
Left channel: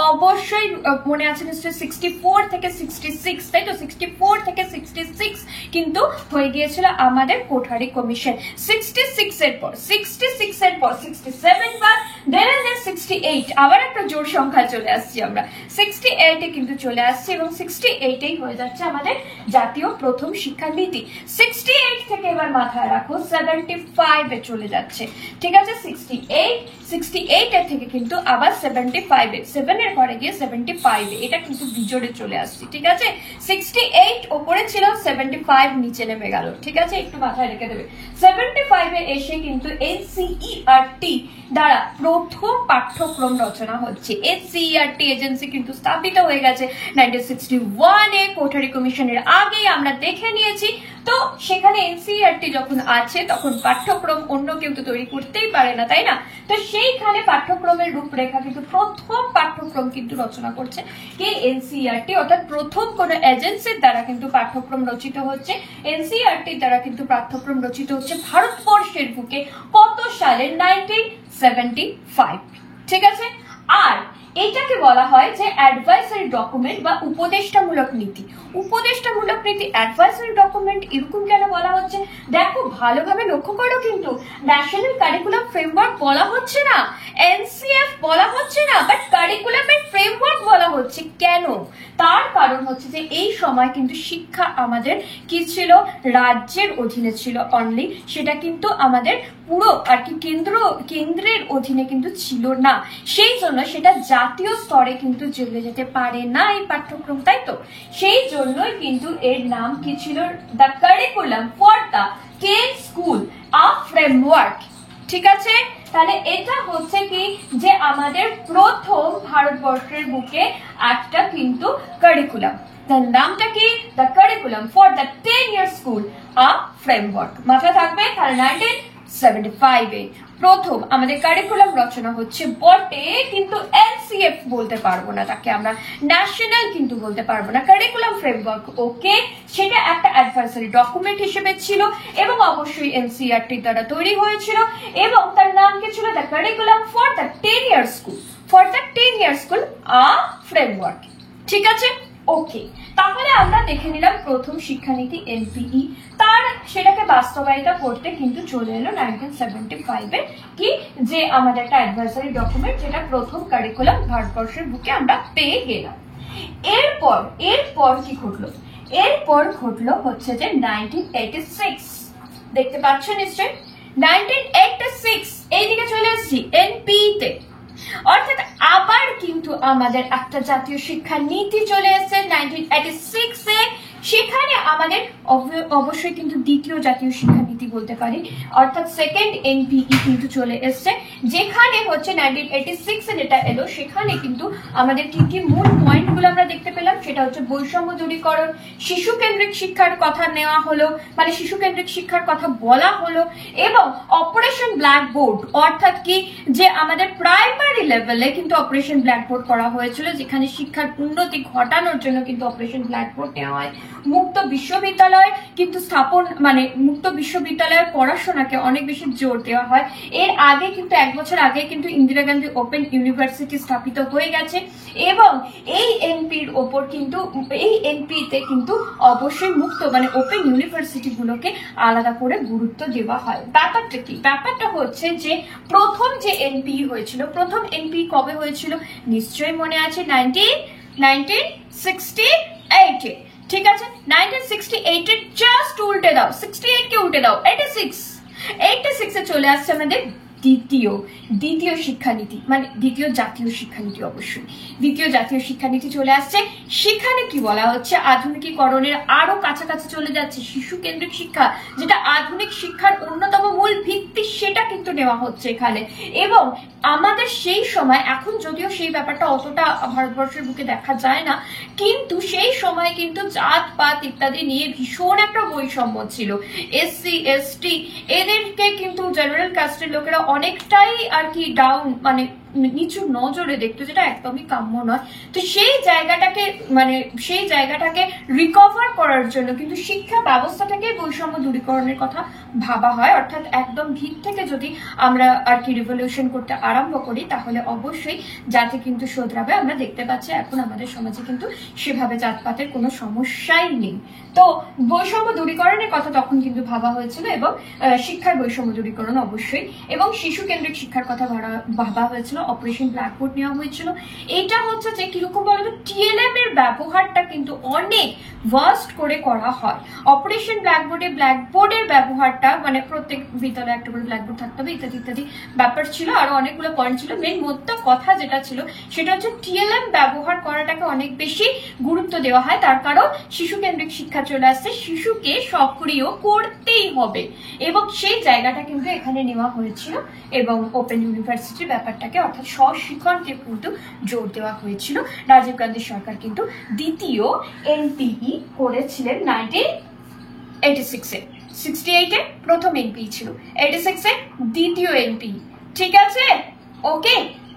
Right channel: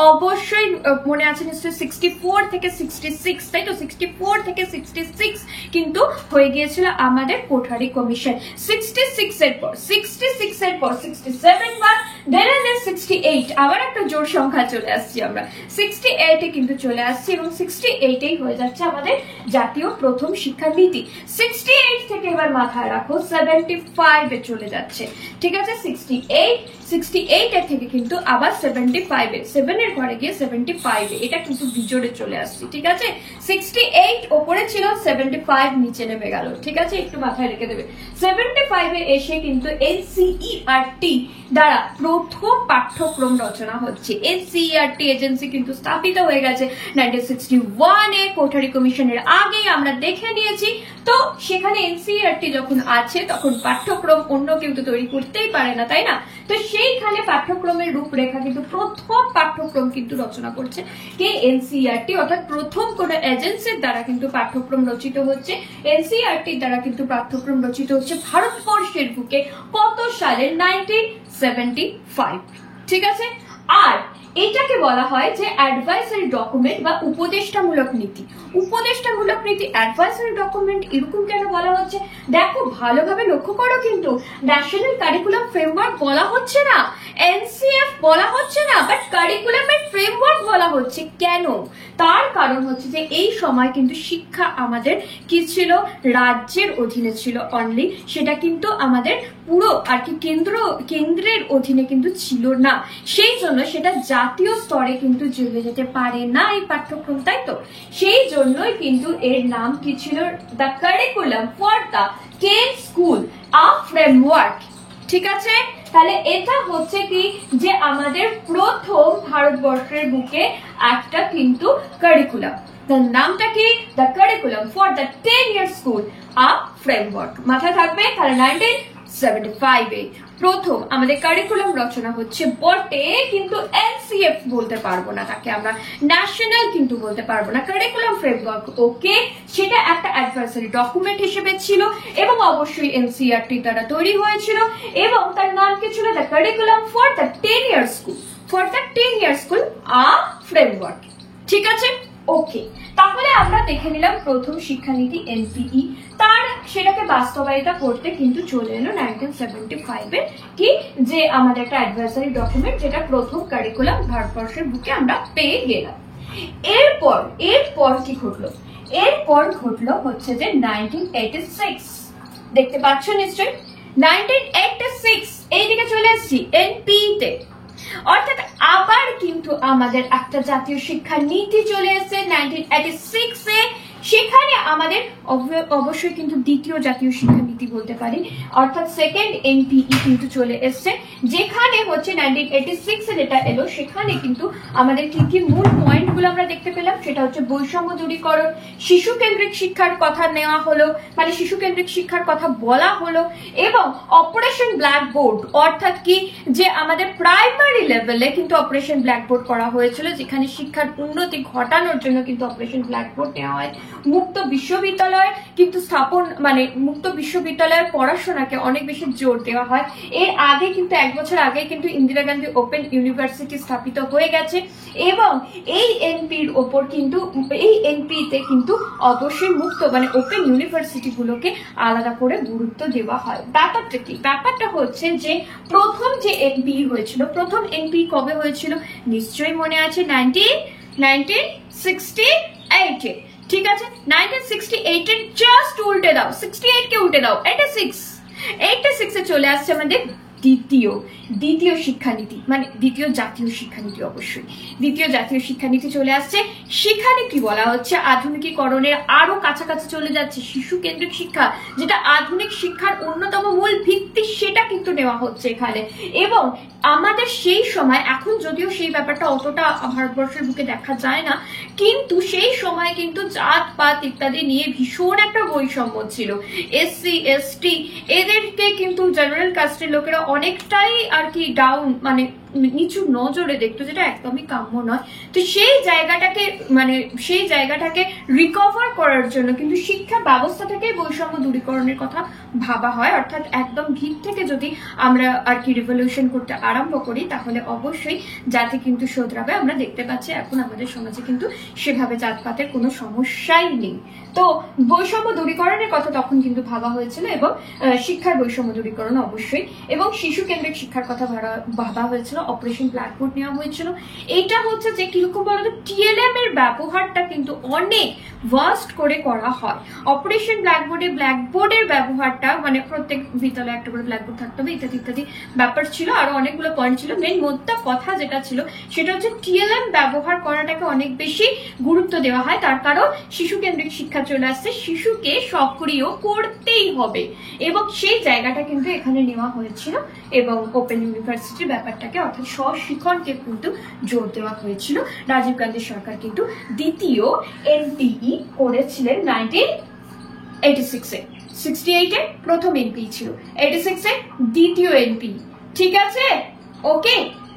অবশ্যই মনে আছে নিশ্চয়ই, 64 থেকে 66, তাই তো? 64 থেকে 66 কিন্তু হয়ে গিয়েছিল আমাদের কোঠারি কমিশন। 66 এর পর 67 বার, then 68, আবার একটা জোর সংখ্যা চলে আসছি আমরা, 68 এ কিন্তু চলে আসছি এবং 68 এই হয়ে যাচ্ছে আমাদের জাতীয় প্রথম শিক্ষানীতি। 68 থেকে এবার মাথায় রাখো 75 এ চলে যাচ্ছে, ঠিক আছে? 68 এর থেকে কিন্তু আবার 75 এ, 7 এর ঘরে গিয়ে 75 এ, এটা কিন্তু বিজোড়ে চলে আসছে, ঠিক আছে? 68 ওপরে ছিল, 75 নিচে নেমে গেল, ঠিক আছে? একটু মাথায় রেখে দেবে। 75 এ এসে কিন্তু এনসিইআরটি দ্বারা প্রথম পাঠ্যক্রম রচনা হচ্ছে। এনসিইআরটি এজেন্সি কিন্তু স্থাপিত হয়ে গেছে 1961 এ, কোঠারি কমিশনের আগে আমরা দেখে নিয়েছি। তো সেখানে এনসিইআরটি যখন আছে তখন পাঠ্যক্রম অন্য কেউ তো তৈরি করতেই পারে না, তাই না? তো সেইখানে পাঠ্যক্রমের রূপরেখা কিন্তু প্রথম পাঠ্যক্রম কিন্তু রচনা করছে কে? এনসিইআরটি, অর্থাৎ প্রথম কোন এজেন্সির দ্বারা কিন্তু পাঠ্যক্রম রচিত হচ্ছে। এনসিইআরটির দ্বারা কিন্তু পাঠ্যক্রম রচিত হচ্ছে ভারতবর্ষের বুকে কত সালে? 1975, ঠিক আছে? আর এটাকে বলা হয় যে অ্যাডভাইসারি ডকুমেন্ট বা উপদেষ্টামূলক নীতি। উপদেষ্টামূলক নীতি, অ্যাডভাইসারি ডকুমেন্ট, এরকম কেন বলা হচ্ছে? দেখো ভালোভাবে লক্ষ্য করো, কিন্তু ন্যাশনাল কারিকুলাম ফ্রেমওয়ার্ক বলা হচ্ছে না, এনসিএফ বলা হচ্ছে না, বাট কারিকুলামের ফ্রেমওয়ার্ক বলা হচ্ছে। কেন? তার কারণ হচ্ছে যে এই সময় কিন্তু শিক্ষা আমাদের কি ছিল? রাজ্যের অধীনে ছিল অনলি, সেটা কিন্তু আমাদের পুরো আর কি কেন্দ্রের অধীনে কিন্তু ছিল না। সেই জন্য সেটা জাতীয় স্তরে কিন্তু চলে যেতে পারে না এই পাঠ্যক্রম, তাই তো? সেই জন্যই কিন্তু এর নাম কি ছিল? The curriculum for the K school, a framework, ঠিক আছে? তাহলে এটা হচ্ছে কি যে আমাদের প্রথম ভারতবর্ষের বুকে একটা কিন্তু কারিকুলাম, তার নামটা কি? The curriculum for the 10-year school, a framework. মাথায় থাকবে। তাহলে 1975 এ প্রথম আমাদের কারিকুলাম রচনা হচ্ছে বটে, কিন্তু এনসিএফ বলতে পারবো না, তাকে আমরা ন্যাশনাল কিন্তু বলতে পারবো না। কারিকুলাম ফ্রেমওয়ার্ক ওকে, সেটা একটা অ্যাডভাইসারি ডকুমেন্ট হিসেবে ছিল এবং অবশ্যই এনসিইআরটি দ্বারা তৈরি হয়েছিল এবং তার নাম কি ছিল? The curriculum for the 10-year school, for the 10-year school, a framework, ঠিক আছে? ওকে, তাহলে আমরা দেখে নিলাম প্রথম শিক্ষানীতি এনপিই, তার সেটাকে বাস্তবায়িত করতে কিন্তু চলে এলো 1975 এ কি, যে আমাদের একটা অ্যাডভাইসারি ডকুমেন্ট, যেটা প্রথম কারিকুলাম ভারতবর্ষের বুকে আমরা পেয়ে গেলাম। এরপর কি ঘটলো? এরপর ঘটলো হচ্ছে যে 1986, দেখতে পাচ্ছ নিশ্চয়ই 1986, এইদিকে চলে এসেছি এনপিই তে, অর্থাৎ আবার কিন্তু আমাদের একটা জাতীয় শিক্ষা নীতি চলে এসেছে 1986 এ। সেখানে আমাদের অবশ্যই কিন্তু দ্বিতীয় জাতীয় শিক্ষানীতি বলতে পারি, অর্থাৎ সেকেন্ড এনপিই কিন্তু চলে এসছে, যেখানে হচ্ছে 1986 এ যেটা এলো, সেখানে কিন্তু আমাদের কি কি মূল পয়েন্ট গুলো আমরা দেখতে পেলাম, সেটা হচ্ছে বৈষম্য দূরীকরণ, শিশু কেন্দ্রিক শিক্ষার কথা নেওয়া হলো, মানে শিশু কেন্দ্রিক শিক্ষার কথা বলা হলো, এবং অপারেশন ব্ল্যাকবোর্ড, অর্থাৎ কি যে আমাদের প্রাইমারি লেভেলে কিন্তু অপারেশন ব্ল্যাকবোর্ড করা হয়েছিল, যেখানে শিক্ষার উন্নতি ঘটানোর জন্য কিন্তু অপারেশন ব্ল্যাকবোর্ড নেওয়া হয়। মুক্ত বিশ্ববিদ্যালয় কিন্তু স্থাপন, মানে মুক্ত বিশ্ববিদ্যালয়ের পড়াশোনাকে অনেক বেশি জোর দেওয়া হয়। এর আগে কিন্তু 1 বছর আগে কিন্তু ইন্দিরা গান্ধী ওপেন ইউনিভার্সিটি স্থাপিত হয়ে গেছে এবং এই এনপির ওপর কিন্তু, এই এনপিতে কিন্তু অবশ্যই মুক্ত মানে ওপেন ইউনিভার্সিটি গুলোকে আলাদা করে গুরুত্ব দেওয়া হয়। ব্যাপারটা কি? ব্যাপারটা হচ্ছে যে প্রথম যে এনপি হয়েছিল, প্রথম এনপি কবে হয়েছিল? নিশ্চয়ই মনে আছে, 1968 এ, ঠিক আছে? 1968 এর জাস্ট উল্টে দাও, 68 কে উল্টে দাও, 86 এ চলে আসছে আমাদের দ্বিতীয় শিক্ষানীতি, মানে দ্বিতীয় জাতীয় শিক্ষানীতি। অবশ্যই দ্বিতীয় জাতীয় শিক্ষানীতি চলে আসছে। সেখানে কি বলা হচ্ছে? আধুনিকীকরণের আরো কাছাকাছি চলে যাচ্ছে, শিশু কেন্দ্রিক শিক্ষা যেটা আধুনিক শিক্ষার অন্যতম মূল ভিত্তি, সেটা কিন্তু নেওয়া হচ্ছে এখানে। এবং আমাদের সেই সময়, এখন যদিও সেই ব্যাপারটা অতটা ভারতবর্ষের বুকে দেখা যায় না, কিন্তু সেই সময় কিন্তু জাত পাত ইত্যাদি নিয়ে ভীষণ একটা বৈষম্য ছিল। এসসি এসটি এদেরকে কিন্তু জেনারেল কাস্টের লোকেরা অনেকটাই আর কি ডাউন, মানে নিচু নজরে দেখতো, যেটা একদমই কাম্য নয়। তো সেই জায়গাটাকে রিকভার করার জন্য কিন্তু শিক্ষা ব্যবস্থাটাকে বৈষম্য দূরীকরণের কথা ভাবা হয়। অর্থাৎ একদম ভিত থেকে যদি আমরা আর কি রিভলিউশন করতে আরম্ভ করি, তাহলে অবশ্যই জাতি কিন্তু শোধরাবে। আমরা দেখতে পাচ্ছি এখন আমাদের সমাজে কিন্তু সেভাবে জাতপাতের কোনো সমস্যাই নেই। তো বৈষম্য দূরীকরণের কথা তখন কিন্তু ভাবা হয়েছিল, এবং শিক্ষার বৈষম্য দূরীকরণ অবশ্যই, এবং শিশু কেন্দ্রিক শিক্ষার কথা ভাবা হয়েছিল। অপারেশন ব্ল্যাকবোর্ড নেওয়া হয়েছিল। এটা হচ্ছে যে কিরকম বলতো, টিএলএম এর ব্যবহারটা কিন্তু অনেক ভাস্ট করে করা হয়। অপারেশন ব্ল্যাকবোর্ডের ব্যবহারটা মানে প্রত্যেক বিদ্যালয়ে একটা করে ব্ল্যাকবোর্ড থাকতে হবে, ইত্যাদি ইত্যাদি ব্যাপার ছিল, আরো অনেকগুলো পয়েন্ট ছিল। মেন মোদ্দা কথা যেটা ছিল সেটা হচ্ছে টিএলএম ব্যবহার করাটাকে অনেক বেশি গুরুত্ব দেওয়া হয়। তার কারণ শিশু কেন্দ্রিক শিক্ষা চলে আসছে, শিশুকে সক্রিয় করতেই হবে, এবং সেই জায়গাটা কিন্তু এখানে নেওয়া হয়েছিল। এবং ওপেন ইউনিভার্সিটির ব্যাপারটাকে অর্থাৎ স্বশিক্ষণকে কিন্তু জোর দেওয়া হয়েছিল। রাজীব গান্ধী সরকার কিন্তু দ্বিতীয় এনপিই করেছিলেন 1986-এ। 68-এ প্রথম এনপিই ছিল, 86-এ দ্বিতীয় এনপিই। ঠিক আছে, ওকে,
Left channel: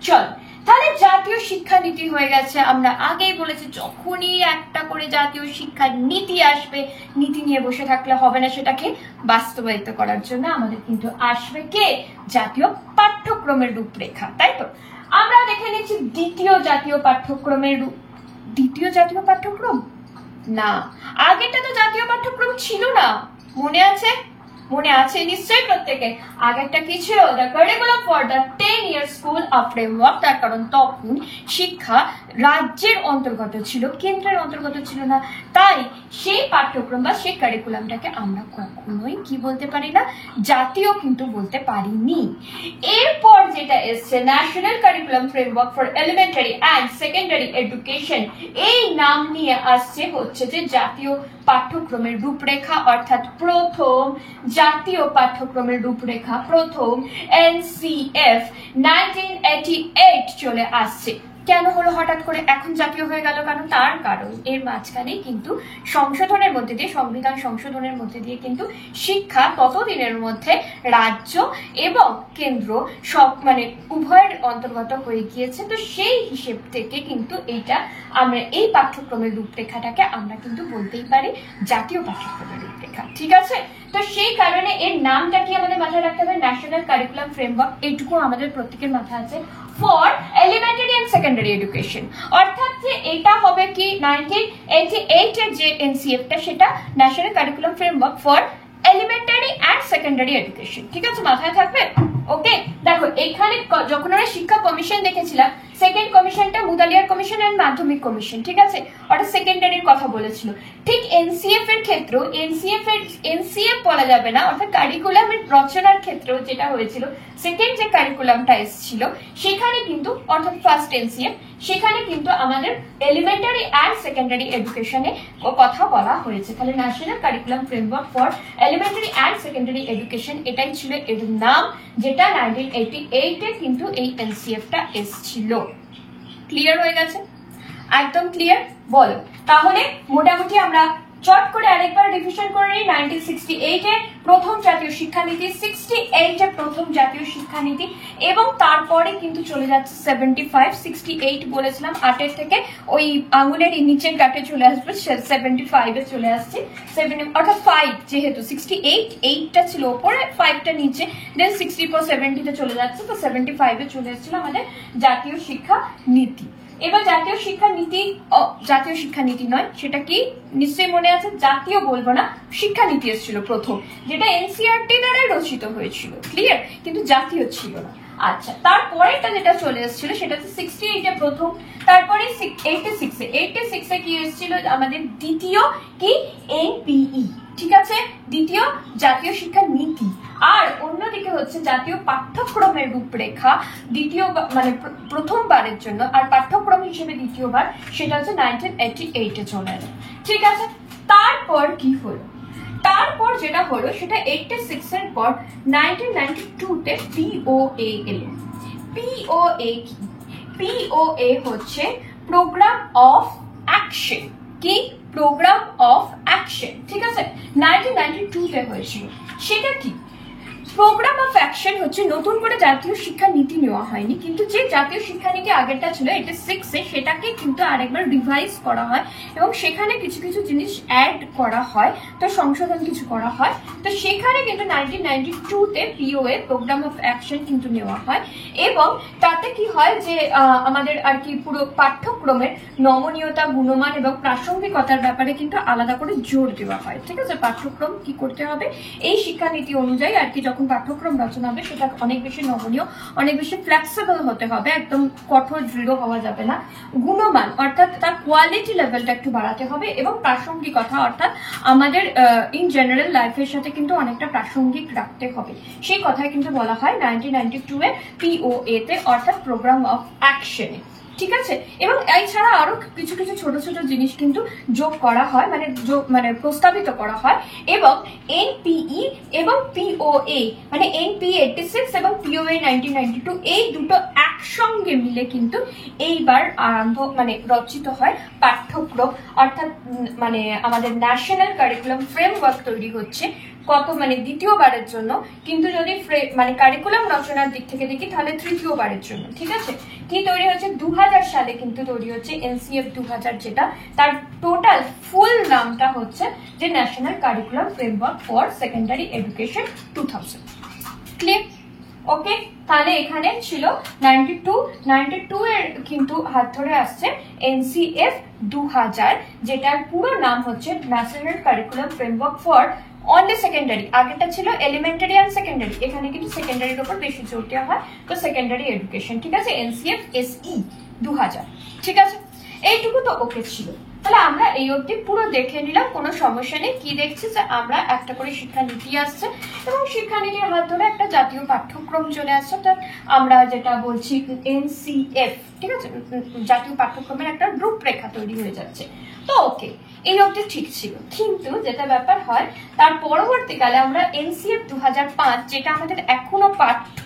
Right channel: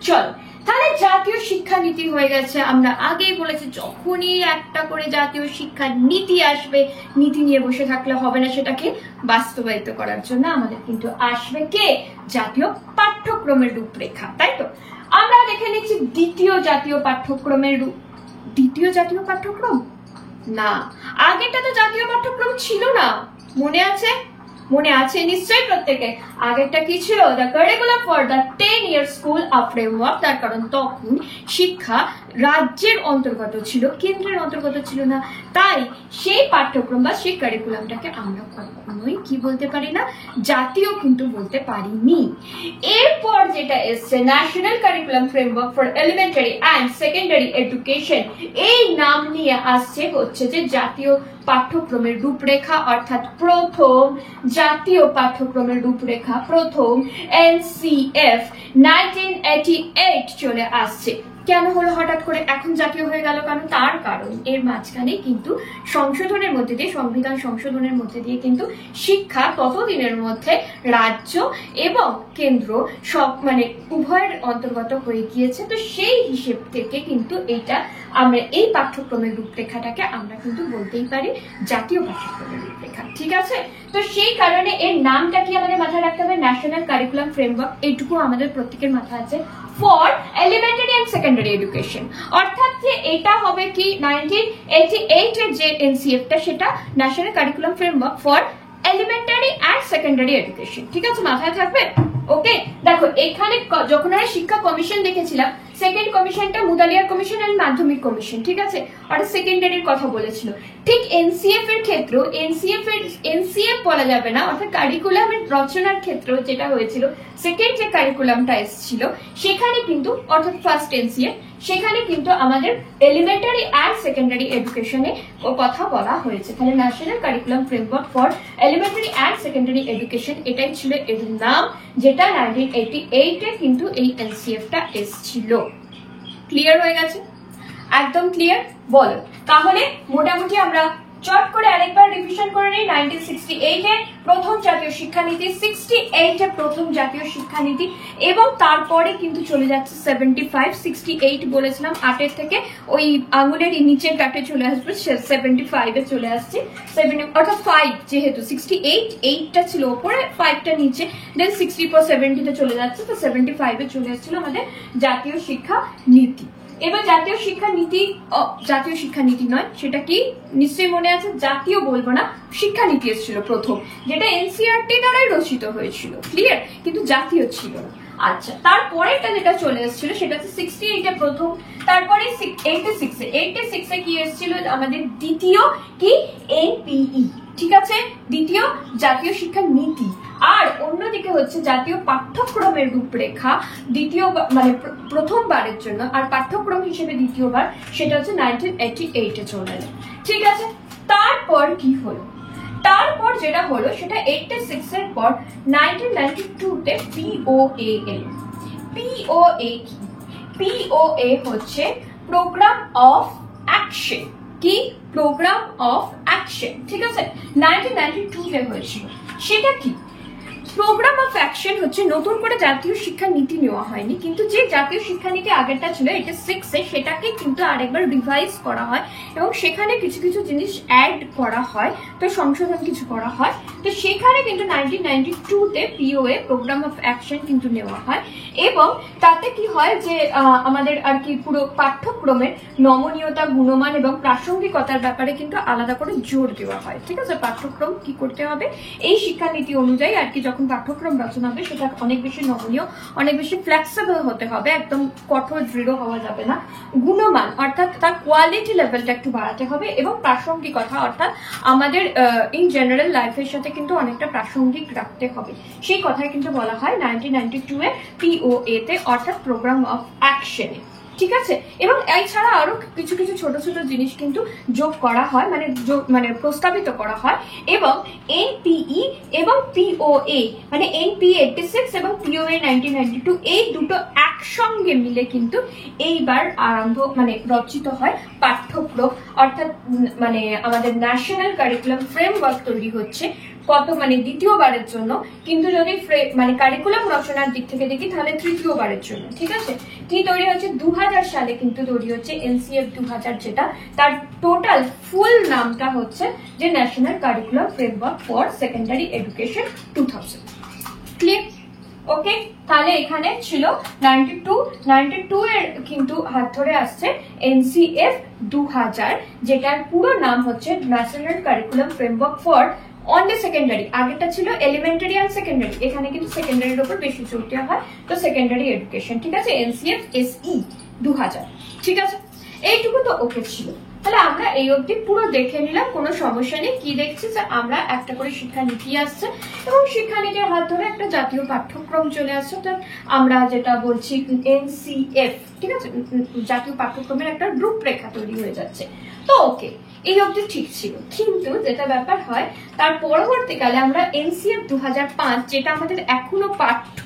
চলো তাহলে জাতীয় শিক্ষানীতি হয়ে গেছে। আমরা আগেই বলেছি যখনই একটা করে জাতীয় শিক্ষা নীতি আসবে, নীতি নিয়ে বসে থাকলে হবে না, সেটাকে বাস্তবায়িত করার জন্য আমাদের কিন্তু আসবে কে, জাতীয় পাঠ্যক্রমের রূপরেখা, তাই তো? আমরা দেখে নিচ্ছি দ্বিতীয় জাতীয় পাঠ্যক্রম না, আগেটা তো জাতীয় পাঠ্যক্রম ছিল না, মনে আছে? মনে আছে নিশ্চয়ই প্রত্যেকে। আগেরটা কি ছিল? The curriculum for the 10 your school a framework. তার কারণ তখন শিক্ষা রাজ্যের অন্তর্গত ছিল, কেন্দ্রের অন্তর্গত ছিল না। তাই সেই পাঠ্যক্রম বা সেই কারিকুলামটাকে আমরা কখনোই কি বলতে পারি না, জাতীয় কিন্তু বলতে পারিনি। এরপর যেটা এসছে national curriculum framework for elementary and secondary education, এই নাম নিয়ে আসছে হচ্ছে যে জাতীয় পাঠ্যক্রমের রূপরেখা, অর্থাৎ প্রথম জাতীয় পাঠ্যক্রমের রূপরেখা, প্রথম এনসিএফ 1988 চলে আসছে। কেন হলো হঠাৎ করে এখন জাতীয় হয়ে গেল? কারণ তার কারণ এর মাঝখানে কিন্তু সংশোধনের মধ্যে দিয়ে, সংবিধান সংশোধনের মধ্যে দিয়ে কিন্তু শিক্ষা ততদিনের মধ্যে রাজ্য এবং কেন্দ্র সব মানে উভয়ের অন্তর্গত হয়ে গিয়েছে। তো সেই হিসেব থেকে কিন্তু এইটা আমরা এই পাঠ্যক্রমের রূপরেখাটাকে আমরা কিন্তু বলতেই পারি জাতীয় পাঠ্যক্রমের রূপরেখা। ঠিক আছে, তো সেই কারণে এর নামটা কি আমাদের মাথায় রাখতে হবে, ন্যাশনাল কারিকুলাম ফ্রেমওয়ার্ক। এইটুকু আমাদের প্রত্যেকের মাথায় আছে, for elementary and secondary education. অর্থাৎ যে এটা হবে কি 1988 এর যে এনসিএফটা, সেটা national curriculum framework for elementary and secondary education. ঠিক আছে, মাথায় থাকবে। ওকে, দেখো এখানে যখন আমরা শিক্ষা কমিশন দেখেছিলাম, সেকেন্ড কমিশনটা মুদালিয়ার কমিশন এন্ড মাধ্যমিক কমিশন, ঠিক আছে, অর্থাৎ সেকেন্ডারির কথা বলেছিল। ঠিক এনসিএফ এর ক্ষেত্র, এনসিএফ বলা যাবে না, অর্থাৎ কারিকুলামের রচনার ক্ষেত্রে যেটা হয়েছিল, সেকেন্ড যে কারিকুলামটা এসেছিল সেখানে কিন্তু, অর্থাৎ ফার্স্ট এনসিএফ, সেখানে কিন্তু আমাদের এলিমেন্টারি অ্যান্ড সেকেন্ডারি এডুকেশনে কথা বলা হয়েছে। তাহলে national curriculum framework for elementary and secondary education, এটাই ছিল এর নাম, যেটা 1988 এ কিন্তু এই এনসিএফটা এসেছিল। ক্লিয়ার হয়ে গেছে? একদম ক্লিয়ার? বলো তাহলে মোটামুটি আমরা চট করে আরেকবার রিভিশন করে নিই। 1968 এ প্রথম জাতীয় শিক্ষানীতি, 68 এ প্রথম জাতীয় শিক্ষানীতি, এবং তারপরে কিন্তু চলে যাচ্ছে 75, 68 বলেছিলাম 8 থেকে ওই আঙুলের নিচের গাঁটে চলে আসবে, 75 এ চলে আসছে, 70 অর্থাৎ 5, যেহেতু 68 8টা ছিল উপরে, 5টা নিচে, দেন 64 70 তে চলে যাচ্ছে, তো 75 এ চলে আসছিল আমাদের জাতীয় শিক্ষা নীতি। এবার জাতীয় শিক্ষানীতি নয়, সেটা কি নিশ্চয়ই মনে আছে, জাতীয় বলবো না, শিক্ষানীতি এসেছিল প্রথম, যেটা এনসিইআরটি দ্বারাই রচিত হয়েছিল, ক্লিয়ার, কিন্তু জাতীয় ছিল না। আচ্ছা, তারপরেটা যেটা চলে এসেছিল সেটা হচ্ছে 68 এ প্রথম, তারপরে 86 এ কি এসেছিল আমাদের দ্বিতীয় কি এনপিই, ঠিক আছে, দ্বিতীয় জাতীয় শিক্ষা নীতি। আর অন্যদিকে হচ্ছে জাতীয় পাঠ্যক্রমের রূপরেখা, দ্বিতীয় মানে প্রথমবারের জন্য, আর পাঠ্যক্রম হিসেবে দ্বিতীয়বার, সেটা হচ্ছে 1988 এ চলে এলো। ঠিক আছে, তারপর কি হলো? তারপর যেটা হলো সেটা 86 এর পর 1992 তে পিওএ এলো। পিওএ কি? পিওএ হচ্ছে প্রোগ্রাম অফ অ্যাকশন। কি? প্রোগ্রাম অফ অ্যাকশন, ঠিক আছে, 1992 তে হয়েছিল। সেটা কি? প্রোগ্রাম অফ অ্যাকশন হচ্ছে নতুন করে জাতীয় শিক্ষা নীতি নেওয়া হয়নি, কিন্তু যে জাতীয় শিক্ষা নীতি আগেরটা ছিল 86-এ সেটাকে কিন্তু আরেকবার রিভাইজ করা হয় এবং সেখানে কিছু কিছু জিনিস অ্যাড করা হয়, তো সংশোধন কিছু করা হয়। তো সেখানে কিন্তু 1992-তে পিওএ প্রোগ্রাম অফ অ্যাকশন কিন্তু নেওয়া হয় এবং তাতে কি হয় যে আমাদের আর কি পুরো পাঠ্যক্রমের নমনীয়তা, গুণমান এবং প্রাসঙ্গিকতার ব্যাপারে কিন্তু আলাদা করে জোর দেওয়া হয়। ঠিক আছে, পাঠ্যক্রম কি করতে হবে এই শিক্ষানীতি অনুযায়ী আর কি যখন পাঠ্যক্রম রচনা হবে সেটা অনেক বেশি নমনীয়, অনেক বেশি ফ্লেক্সিবল হতে হবে, একদম কঠোর দৃঢ় হওয়া যাবে না। গুণমান অর্থাৎ তার কোয়ালিটি লেভেলটা একটু বাড়াতে হবে এবং প্রাসঙ্গিকতা অর্থাৎ আমাদের ইন জেনারেল লাইফের সাথে কিন্তু অনেকটা প্রাসঙ্গিক রাখতে হবে, সেই কথাই কিন্তু বলা হয় 1992-এর পিওএ-তে অর্থাৎ প্রোগ্রাম অফ অ্যাকশনে। ঠিক আছে, এবং এছাড়া আরো কিছু কিছু ছোট ছোট জিনিস কিন্তু যোগ করা হয়, মানে প্রস্তাবিত করা হয় এবং এনপিই এবং পিওএ মানে এনপিই 86 এবং পিওএ 1992 এই দুটো একসঙ্গে মিলে কিন্তু এইবার রচিত হয় পাঠ্যক্রম, অর্থাৎ মানে আমাদের ন্যাশনাল কারিকুলাম ফ্রেমওয়ার্ক তৈরি হচ্ছে দ্বিতীয়বারের জন্য, কিন্তু যদি কারিকুলাম রচনার দিক থেকে দেখি তাহলে তৃতীয়বারের জন্য। ঠিক আছে, কি তৈরি হচ্ছে 2000 সালে কিন্তু তৈরি হচ্ছে এনসিএফ 2000, যেটা তার টোটাল ফুল নামটা হচ্ছে যে national curriculum framework for secondary education 2000। Clear? Okay, তাহলে এখানে ছিল 92 এর কিন্তু হাত ধরে আসছে এনসিএফ 2000, যেটার পুরো নাম হচ্ছে national curriculum framework for only secondary. আগেটা ছিল এলিমেন্টারি অ্যান্ড সেকেন্ডারি, এখানে কিন্তু সেকেন্ডারির উপর বেশি জোর দেওয়া হয়, তো সেকেন্ডারি এডুকেশন। ঠিক আছে, এনসিএফ এসই 2000। ঠিক আছে, এইটুকু তো ওকে ছিল। তাহলে আমরা এই অবধি পুরো দেখে নিলাম, কোনো সমস্যা নেই। কি দেখছি যে আমরা একটা করে শিক্ষানীতি আসছে এবং শিক্ষানীতির হাত ধরে একটা জাতীয় পাঠ্যক্রম চলে আসছে, তো আমরা যেটা বলছি এনসিএফ। ঠিক আছে, জাতীয় পাঠ্যক্রমের একটা রূপরেখা তৈরি হয়ে যাচ্ছে। তো ওকে, এই অবধি ঠিক ছিল, কিন্তু যেটা ব্যাপার হয় তার পরবর্তীকালে আমরা এনসিএফ 2005, যেটা আমাদের এখনো পাঠ্য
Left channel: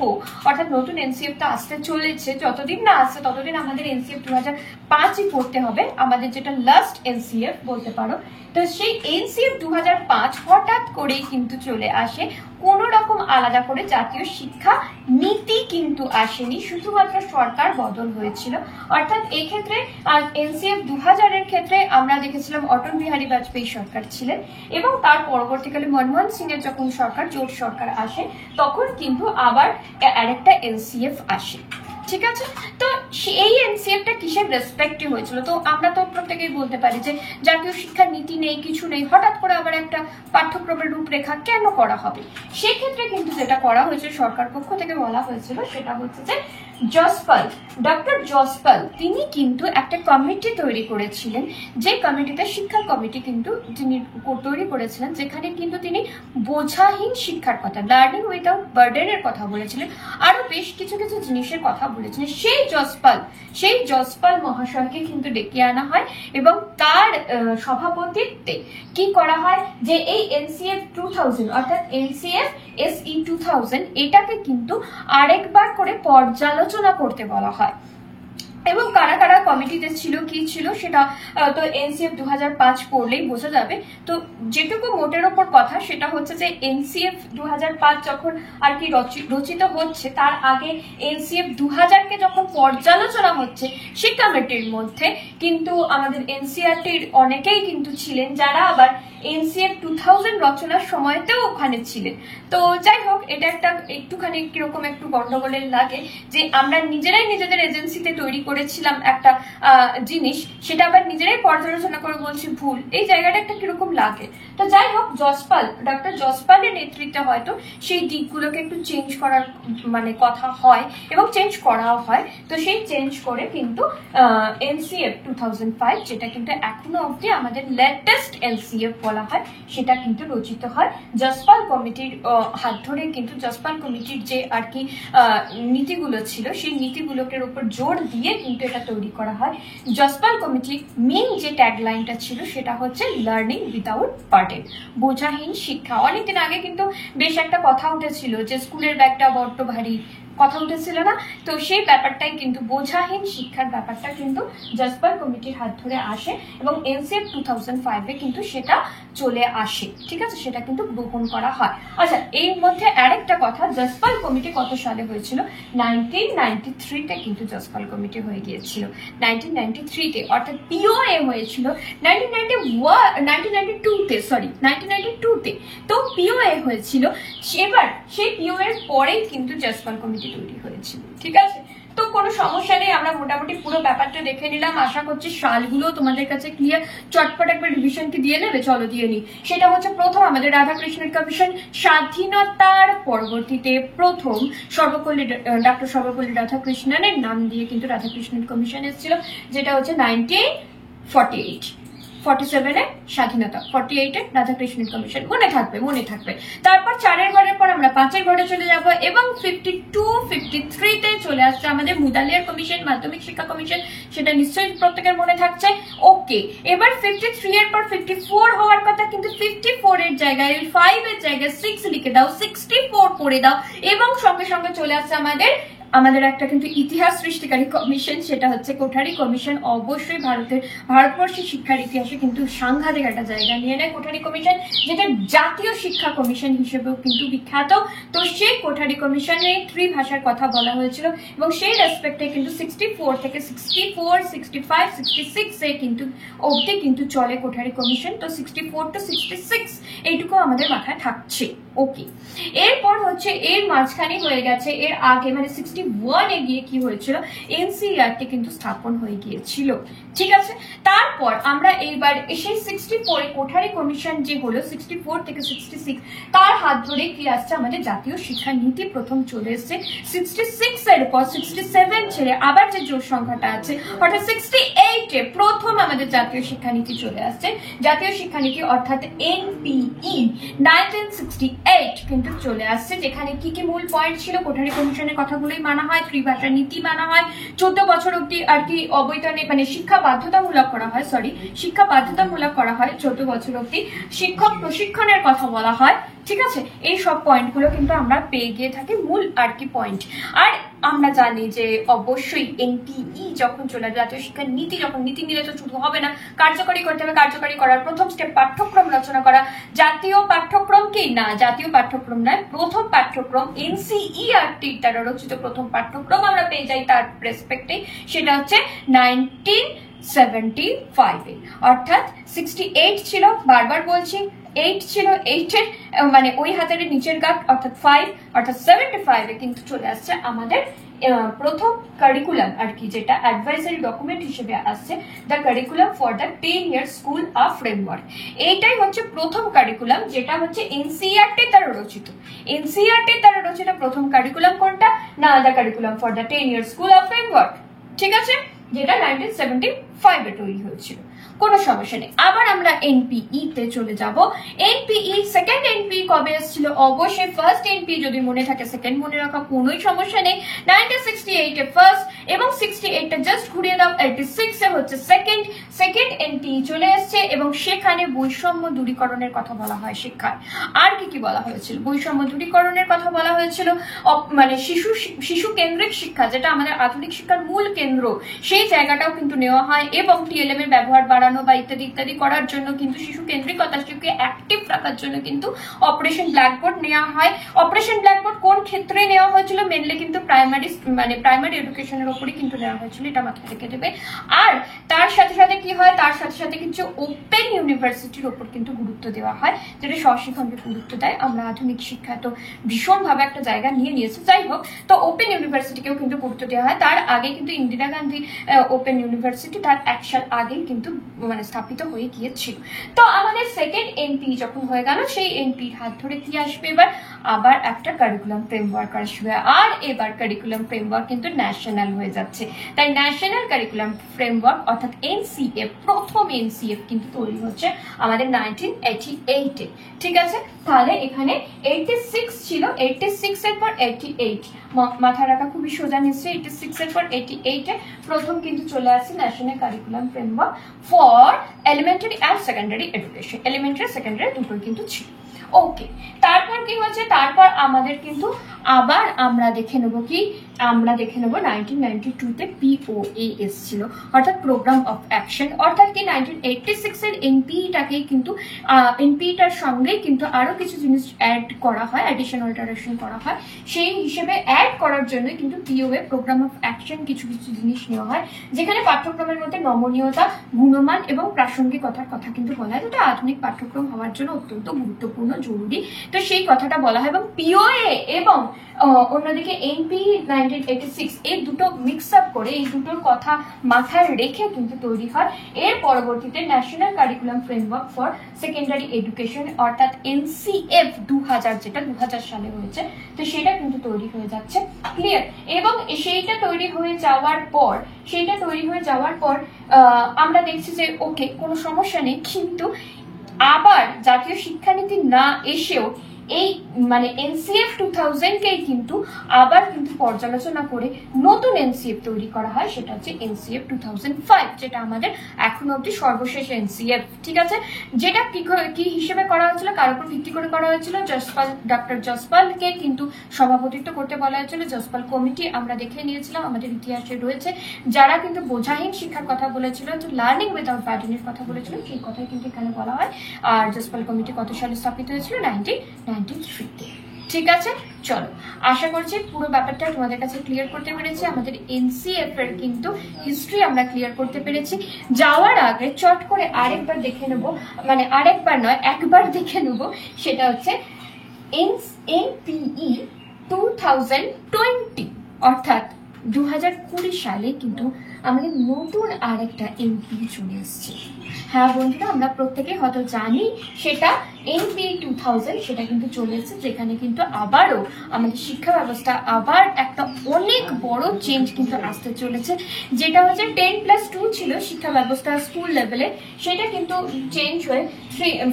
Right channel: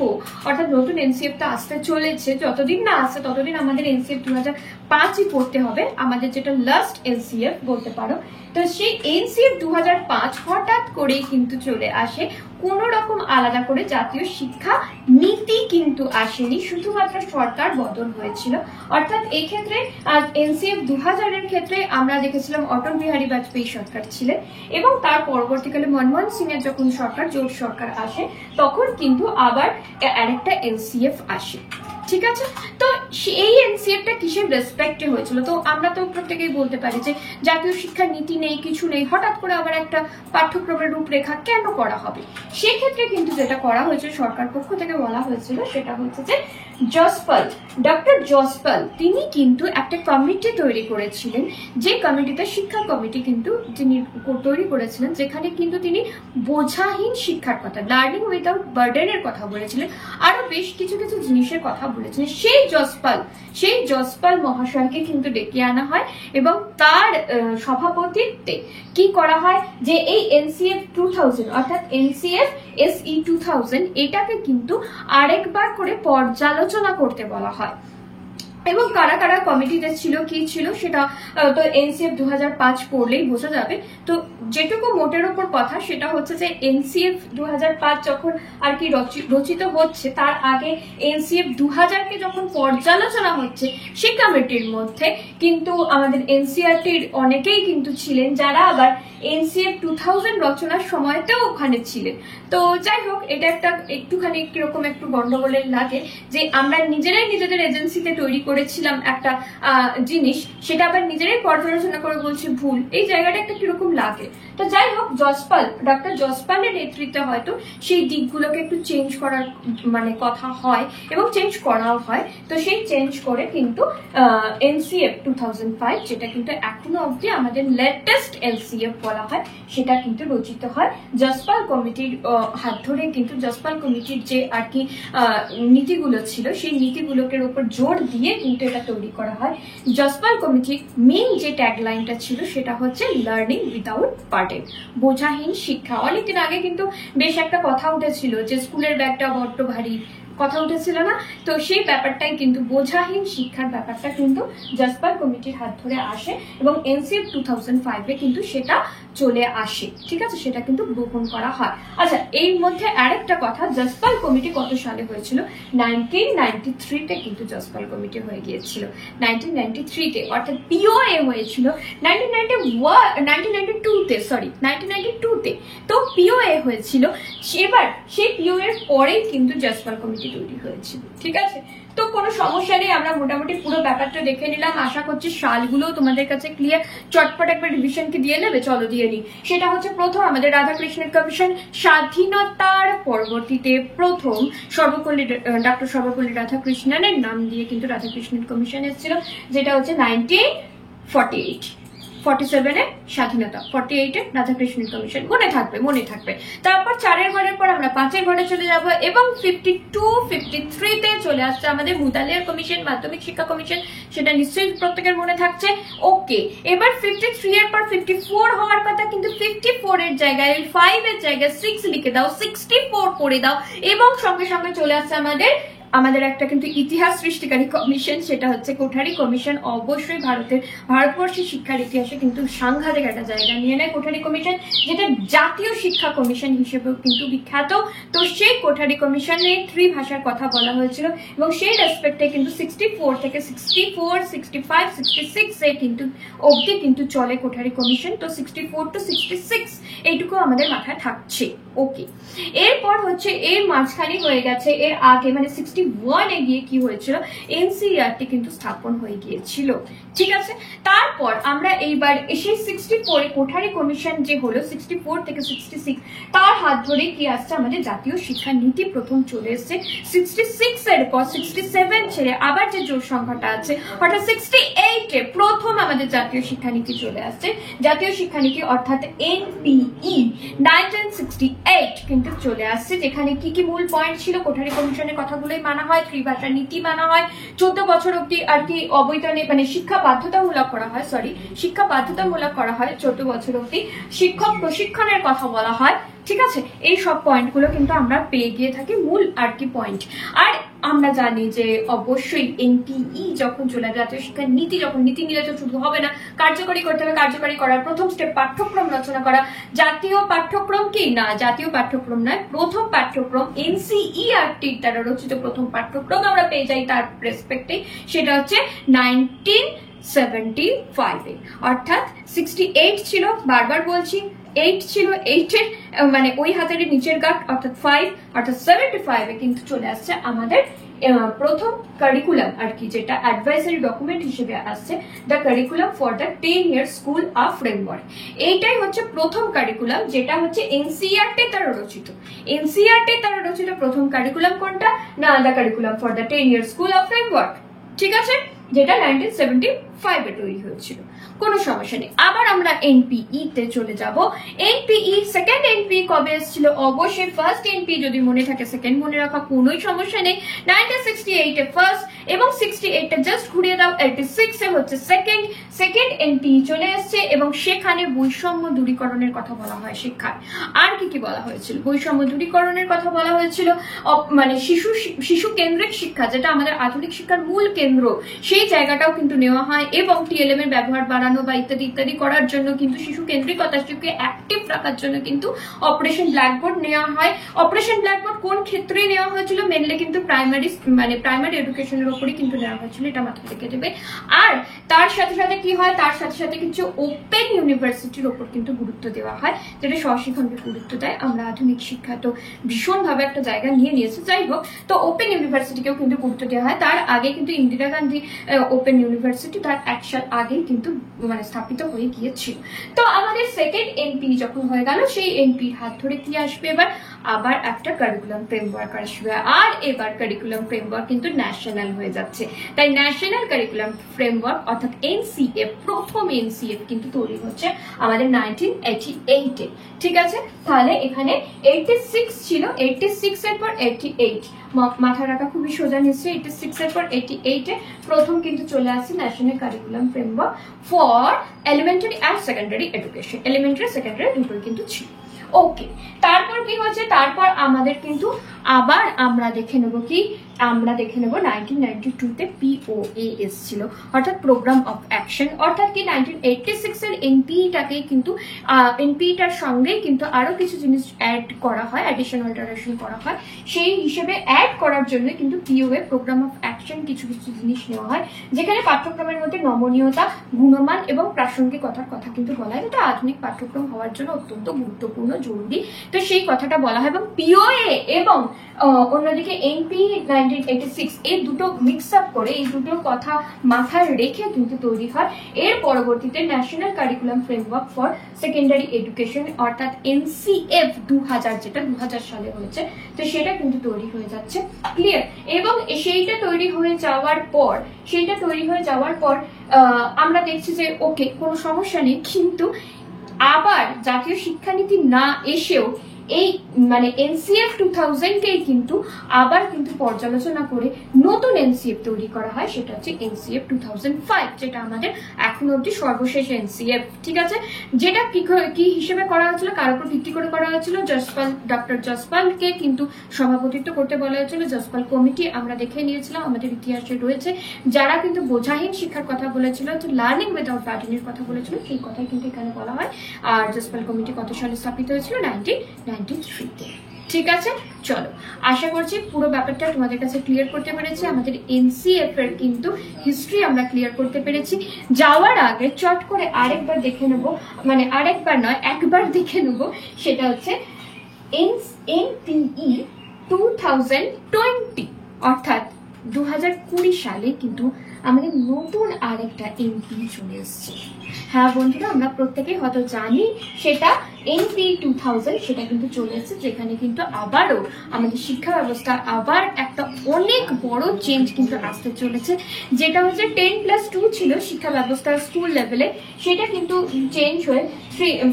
অর্থাৎ নতুন এনসিএফটা আসতে চলেছে, যতদিন না আসছে ততদিন আমাদের এনসিএফ 2005ই পড়তে হবে, আমাদের যেটা লাস্ট এনসিএফ বলতে পারো। তো সেই এনসিএফ 2005 হঠাৎ করেই কিন্তু চলে আসে, কোন রকম আলাদা করে জাতীয় শিক্ষা নীতি কিন্তু আসেনি, শুধুমাত্র সরকার বদল হয়েছিল। অর্থাৎ এই ক্ষেত্রে এনসিএফ 2000 এর ক্ষেত্রে আমরা দেখেছিলাম অটল বিহারী বাজপেয়ী সরকার ছিলেন এবং তার পরবর্তীকালে মনমোহন সিং এর যখন সরকার, জোট সরকার আসে, তখন কিন্তু আবার আরেকটা এনসিএফ আসে। ঠিক আছে, তো এই এনসিএফটা কিসের রেসপেক্টে হয়েছিল? তো আমরা তো প্রত্যেকেই বলতে পারি যে জাতীয় শিক্ষা নীতি নেই, কিছু নেই, হঠাৎ করে আবার একটা পাঠ্যক্রমের রূপরেখা কেন করা হবে? সেক্ষেত্রে কিন্তু যেটা করা হয়েছে সরকার পক্ষ থেকে বলা হয়েছিল সেটা হচ্ছে যে জসপাল, ডক্টর জসপাল, তিনি কিন্তু একটা কমিটি তৈরি করেছিলেন, যে কমিটিতে শিক্ষা কমিটি কিন্তু তিনি তৈরি করেছিলেন, যেখানে কিন্তু তিনি বোঝাহীন শিক্ষার কথা, লার্নিং উইদাউট বার্ডেনের কথা বলেছিলেন, আরো বেশ কিছু কিছু জিনিসের কথা বলেছিলেন। সেই জসপাল মহাশয়কে কিন্তু ডেকে আনা হয় এবং তার সভাপতিত্বে কি করা হয় যে এই এনসিএফ 2000 অর্থাৎ এনসিএফ এসই 2000 এটাকে কিন্তু আরেকবার করে পর্যালোচনা করতে বলা হয়। এবং কারা কারা কমিটিতে ছিল, কি ছিল সেটা তো এনসিএফ 2005 পড়লেই বোঝা যাবে। তো যেটুকু মোটের ওপর কথা সেটা হচ্ছে যে এনসিএফ 2005 যখন আর কি রচিত হচ্ছে, তার আগে এনসিএফ 2000-কে যখন পর্যালোচনা হচ্ছে, সেই কমিটির মধ্যে কিন্তু আমাদের এনসিআরটির অনেকেই কিন্তু ছিলেন, যারা আবার এনসিএফ 2000 রচনার সময়তেও ওখানে ছিলেন। তো যাই হোক, এটা একটা একটুখানি কিরকম একটু গন্ডগোলের লাগে যে আমরা নিজেরাই নিজেদের এজেন্সিতে তৈরি করেছিলাম একটা জিনিস, সেটা আবার নিজেরাই পর্যালোচনা করে বলছি ভুল, এই জায়গাটা একটা কিরকম লাগে। তো যাই হোক, ডক্টর জসপালের নেতৃত্বে হয়তো সেই দিকগুলোকে একটু চেঞ্জ করার কথা হয় এবং চেঞ্জ করাও হয়। তো সেই চেঞ্জ করে কিন্তু এনসিএফ 2005, যেটা কিন্তু এখনো অবধি আমাদের লেটেস্ট এনসিএফ বলা হয়, সেটা কিন্তু রচিত হয় জসপাল কমিটির হাত ধরে। কিন্তু জসপাল কমিটির যে আর কি নীতিগুলো ছিল, সেই নীতিগুলোকে উপর জোর দিয়ে কিন্তু এটা তৈরি করা হয়। জসপাল কমিটির মেইন যে ট্যাগলাইনটা ছিল সেটা হচ্ছে লার্নিং উইদাউট বার্ডেন, বোঝাহীন শিক্ষা। অনেকদিন আগে কিন্তু বেশ একটা কথা উঠেছিল যে স্কুলের ব্যাগটা বড্ড ভারী, কথা উঠেছিল না? তো সেই ব্যাপারটাই কিন্তু বোঝাহীন শিক্ষার ব্যাপারটা কিন্তু জসপাল কমিটির হাত ধরে আসে এবং এনসিএফ 2005-এ কিন্তু সেটা চলে আসে, ঠিক আছে, সেটা কিন্তু গ্রহণ করা হয়। আচ্ছা, এর মধ্যে আরেকটা কথা, জসপাল কমিটি কত সালে হয়েছিল? 1993-তে কিন্তু জসপাল কমিটি হয়ে গিয়েছিল, 1993-তে, অর্থাৎ পিওএ হয়েছিল 1992-তে, সরি 1992-তে, তো পিওএ হয়েছিল। এবার সেই পিওএ এর পরেই কিন্তু জসপাল কমিটি তৈরি হয়েছিল, ঠিক আছে। তো কোনো সমস্যা নেই, আমরা মোটামুটি পুরো ব্যাপারটা দেখে নিলাম। আশা করছি সালগুলো তোমাদের কাছে ক্লিয়ার। চটপট একবার রিভিশন কি দিয়ে নেবে? চলো দিয়ে নি। সেটা হচ্ছে প্রথম আমাদের রাধাকৃষ্ণের কমিশন, স্বাধীনতার পরবর্তীতে প্রথম ডক্টর সর্বপল্লী রাধাকৃষ্ণনের নাম দিয়ে কিন্তু রাধাকৃষ্ণন কমিশন এসেছিল, যেটা হচ্ছে 1947-এ স্বাধীনতা, 48-এ রাধাকৃষ্ণন কমিশন। মনে থাকবে। তারপর 4-এর ঘরের পর আমরা 5-এর ঘরে চলে যাব এবং 52-53-তে চলে আসছে আমাদের মুদালিয়ার কমিশন, মাধ্যমিক শিক্ষা কমিশন। সেটা নিশ্চয়ই প্রত্যেকের মনে থাকছে। ওকে, এবার 53-এর পর 54 হওয়ার কথা, কিন্তু 54-এর জায়গায় 5-এর জায়গায় 6 লিখে দাও, 64 পড়ে দাও, এবং সঙ্গে সঙ্গে চলে আসছে আমাদের একটা কিন্তু ইতিহাস সৃষ্টিকারী কমিশন, সেটা হচ্ছে কোঠারি কমিশন। অবশ্যই ভারতবর্ষের শিক্ষার ইতিহাসে কিন্তু সাংঘাতিক একটা জায়গা নিয়ে নেয় কোঠারি কমিশন, যেটা জাতীয় শিক্ষা কমিশন হিসেবেও কিন্তু বিখ্যাত। তো সেই কোঠারি কমিশনে ত্রিভাষার কথা বলা হয়েছিল, এবং সেই রেসপেক্টে কিন্তু 64 থেকে 64, 65, 66-এ কিন্তু অবধি কিন্তু চলে কোঠারি কমিশন। তো 64 to 66 এইটুকু আমাদের মাথায় থাকছে। ওকে, এরপর হচ্ছে এর মাঝখানে হয়ে গেছে, এর আগে মানে 61-এ গিয়ে কি হয়েছিল, এনসিইআরটি কিন্তু স্থাপন হয়ে গিয়েছিল, ঠিক আছে। তারপর আমরা এইবার সেই 64-এ কোঠারি কমিশন যে হলো, 64 থেকে 66 তার হাত ধরে কি আসছে, আমাদের জাতীয় শিক্ষা নীতি প্রথম চলে এসছে। 66-এর পর 67 ছেড়ে আবার যে জোর সংখ্যাটা আছে, অর্থাৎ 68-এ প্রথম আমাদের জাতীয় শিক্ষানীতি চলে আসছে। জাতীয় শিক্ষানীতি অর্থাৎ এনপিই 1968 কিন্তু চলে আসছে, যেখানে কি কি মূল পয়েন্ট ছিল, কোঠারি কমিশনের কথাগুলোই মানা হয়, ত্রিভাষা নীতি মানা হয়, 14 বছর অব্দি আর কি অবৈতনিক মানে শিক্ষা বাধ্যতামূলক করা হয়, 14 বছর অব্দি শিক্ষক প্রশিক্ষণের কথা বলা হয়, ঠিক আছে। এই সব পয়েন্টগুলো কিন্তু আমরা পেয়ে গিয়ে থাকি, মূল আর কি পয়েন্ট। আর আমরা জানি যে অবশ্যই এনপিই যখন চলে আসে, জাতীয় শিক্ষা নীতি যখন, নীতি নিলে তো শুধু হবে না, কার্যকরী করতে হবে। কার্যকরী করার প্রথম স্টেপ পাঠ্যক্রম রচনা করা। জাতীয় পাঠ্যক্রম কি না, জাতীয় পাঠ্যক্রম নয়, প্রথম পাঠ্যক্রম এনসিইআরটি দ্বারা রচিত প্রথম পাঠ্যক্রম আমরা পেয়ে যাই তার রেসপেক্টে, সেটা হচ্ছে 1975-এ, অর্থাৎ 68 ছিল, বারবার বলছি 8 ছিল, 8-এর মানে ওই হাতের নিচের গাঁট অর্থাৎ 5, অর্থাৎ 75-এ কিন্তু চলে আসছে আমাদের প্রথম কারিকুলাম আর কি, যেটা অ্যাডভাইজারি ডকুমেন্ট হিসেবে আসছে, the curriculum for the 10 your school of framework. এইটাই হচ্ছে প্রথম কারিকুলাম, যেটা হচ্ছে এনসিইআরটি দ্বারা রচিত। এনসিইআরটি দ্বারা রচিত প্রথম কারিকুলাম কোনটা না, the curriculum for the 10 your school of framework, ঠিক আছে, যেটা 1975-এ তৈরি হয়েছিল। কোনো সমস্যা নেই। আবার আমরা এনপিই-তে চলে যাব। এনপিই সেকেন্ড এনপি কবে এসেছিল? অবশ্যই ফার্স্ট এনপি যদি মনে থাকে, সেকেন্ড মনে রাখা কোনোই সমস্যা নেই। 1968-এ ফার্স্ট, এবং 68-টা জাস্ট ঘুরিয়ে দাও, 86-এ হচ্ছে সেকেন্ড এনপিই চলে এসছে, এবং সেখানে বৈষম্য দূরীকরণের কথা বলা হয় শিক্ষায়। আর কি বলা হয়েছিল? বৈষম্য দূরীকরণের কথা বলা হয়েছিল, মানে শিশু কেন্দ্রিক শিক্ষা, যেটা আমাদের আধুনিক শিক্ষার মূল কেন্দ্র, সেই জায়গাটাও কিন্তু নেওয়া হয়, এবং টিএলএম এর ব্যবহার বাড়ানো বা ইত্যাদি করার জন্য কিন্তু শিশু কেন্দ্রিকতা, শিশুকে অ্যাক্টিভ রাখার জন্য কিন্তু অপারেশন ব্ল্যাকবোর্ড নেওয়া হয়। অপারেশন ব্ল্যাকবোর্ড কোন ক্ষেত্রে নেওয়া হয়েছিল? মেনলি কিন্তু প্রাইমারি এডুকেশনের উপরই কিন্তু নেওয়া হয়েছিল, এটা মাথায় রেখে দেবে। আর তার সাথে সাথে কি হয়, তার সাথে সাথে কিছু ওপেন ইউনিভার্সিটির উপর কিন্তু গুরুত্ব দেওয়া হয়, যেটা স্বশিক্ষণকে গুরুত্ব দেয়। আমরা আধুনিক শিক্ষা তো ভীষণভাবে একটা জায়গা নিয়ে নিয়েছি, যাই হোক, তো ওপেন ইউনিভার্সিটিকেও কিন্তু গুরুত্ব দেওয়া হয়। তার আগে কিন্তু ইন্দিরা গান্ধী ওপেন ইউনিভার্সিটি তার 1 সাল আগেই কিন্তু মানে স্থাপিত হয়ে গিয়েছিল। তো আমাদের সেকেন্ড এনপি যখন হয়ে গেল, সেই এনপির হাত ধরে কি আসবে এবার? আবার একটা কারিকুলাম ফ্রেমওয়ার্ক আসবে, আর এবার কারিকুলাম ফ্রেমওয়ার্ক কিন্তু ন্যাশনাল হয়ে যাচ্ছে। তাই ন্যাশনাল কারিকুলাম ফ্রেমওয়ার্ক অর্থাৎ এনসিএফ, প্রথম এনসিএফ কিন্তু তৈরি হচ্ছে আমাদের 1988-এ, ঠিক আছে। তাহলে এখানে 86 ছিল, 86-এর পর 88, মাথা রাখা খুবই সোজা নিশ্চয়ই। 86-এর পর 88-এ প্রথম কিন্তু চলে আসছে national curriculum framework for elementary and secondary education. Elementary secondary দুটোই কিন্তু ছিল। ওকে, তারপর কি হচ্ছে, তারপর আমাদের কিন্তু আবার আমরা দেখে নেব কি, আমরা দেখে নেব 1992-তে POA এসেছিল, অর্থাৎ প্রোগ্রাম অফ অ্যাকশন, অর্থাৎ কি 1986-এর এনপিটাকে কিন্তু এনপিটার সঙ্গে কিন্তু আরো কিছু জিনিস অ্যাড করা হয়, অ্যাডিশন অল্টারেশন করা হয়, সেই হিসেবে অ্যাড করার জন্য কিন্তু POA প্রোগ্রাম অফ অ্যাকশন কিছু কিছু জিনিস নেওয়া হয়, যেখানে পাঠ্যক্রমের মধ্যে নমনীয়তা, গুণমান এবং প্রাসঙ্গিকতার কথা কিন্তু বলা হয়, যেটা আধুনিক পাঠ্যক্রম হওয়ার জন্য অত্যন্ত গুরুত্বপূর্ণ, জরুরি। তো সেই কথাটা বলা হয়, এবং POA এবং অন্যদিকে এনপি 1986 এই দুটো মিক্স আপ করে, এই দুটো কথা মাথায় রেখে কিন্তু তৈরি হয় এর পরবর্তীতে national curriculum framework for secondary education, অর্থাৎ NCF 2000, যেটা 2000 সালে হয়েছে। তো সেটা কিন্তু তৈরি হয়ে যাচ্ছে, ক্লিয়ার। এবং সেইটা তৈরি হয়ে যাওয়ার পর আমরা দেখছি যে ওকে, কোনো সমস্যা নেই, কিন্তু আবার জাতীয় শিক্ষানীতি না এসেও এই মানে NCF 2000-কেই কিন্তু আবার কিন্তু পর্যালোচনা করে নতুন NCF তৈরি করা হয়, সেটা হচ্ছে NCF 2005, যেটা আমাদের এখনো অব্দি সর্বশেষ NCF, ঠিক আছে। যেটা কি হিসেবে করা হয়েছিল, কার উপর ভিত্তি করে করা হয়েছিল, ডক্টর জসপালকে কিন্তু সভাপতিত্ব করতে বলা হয়েছিল। জসপাল কমিটি আমরা দেখে নিয়েছিলাম, আমাদের ইতিহাসে রয়েছে, যারা কিন্তু বোঝাহীন শিক্ষার কথা বলেছিল, তো লার্নিং উইদাউট বার্ডেনের কথা বলেছিল, সেই কথাই কিন্তু এখানে বলা হয়। আর জসপাল কমিটি কত সালে স্থাপিত হয়েছিল? 1993-তে, ঠিক আছে। চলো, আশা করছি পুরো ব্যাপারটা তোমাদের কাছে ক্লিয়ার করতে পেরেছি। আমাদের NCF এর কিন্তু হিস্ট্রি আমরা ক্লিয়ার করতে পেরেছি। যাওয়ার আগে চট করে আরেকবার দেখে নেব, মানে আরেকবার নয়, একবার দেখে নেব, সেটা হচ্ছে NPE 2020, অর্থাৎ 2020 সালে কিন্তু আমাদের নতুন আরেকটা NPE চলে এসছে। হ্যাঁ বন্ধুরা, আমরা প্রত্যেকেই হয়তো জানি সেটা NPE 2000, সেটা কিন্তু চলে এসেছে, যেখানে কিন্তু আবারও আমাদের শিক্ষা ব্যবস্থা আবার একটা অনেক বড় চেঞ্জ কিন্তু আসতে চলেছে, যেটা হচ্ছে 10+2 ছিল শিক্ষা ব্যবস্থা স্কুল লেভেলে, সেটা কিন্তু চেঞ্জ হয়ে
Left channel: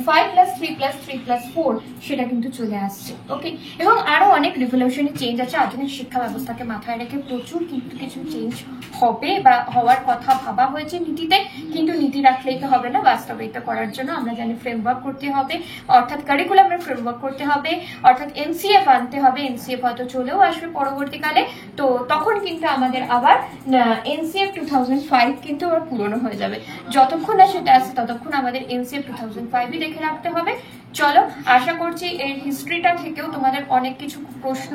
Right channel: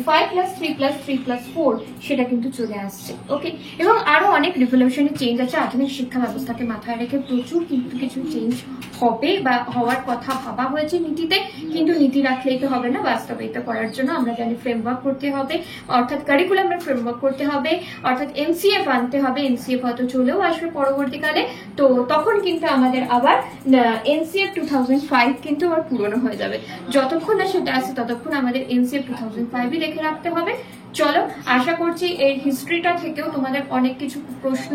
5+3+3+4 সেটা কিন্তু চলে আসছে, ওকে। এবং আরো অনেক রিভলিউশনারি চেঞ্জ আছে, আধুনিক শিক্ষা ব্যবস্থাকে মাথায় রেখে প্রচুর কিন্তু কিছু চেঞ্জ হবে বা হওয়ার কথা ভাবা হয়েছে নীতিতে, কিন্তু নীতি রাখলেই তো হবে না, বাস্তবায়িত করার জন্য আমরা জানি ফ্রেমওয়ার্ক করতে হবে, অর্থাৎ কারিকুলামের ফ্রেমওয়ার্ক করতে হবে, অর্থাৎ NCF আনতে হবে। NCF হয়তো চলেও আসবে পরবর্তীকালে, তো তখন কিন্তু আমাদের আবার NCF 2005 কিন্তু আবার পুরনো হয়ে যাবে। যতক্ষণ না সেটা আছে ততক্ষণ আমাদের NCF 2005-ই রেখে রাখতে হবে। চলো, আশা করছি এই হিস্ট্রিটা থেকেও তোমাদের অনেক কিছু প্রশ্ন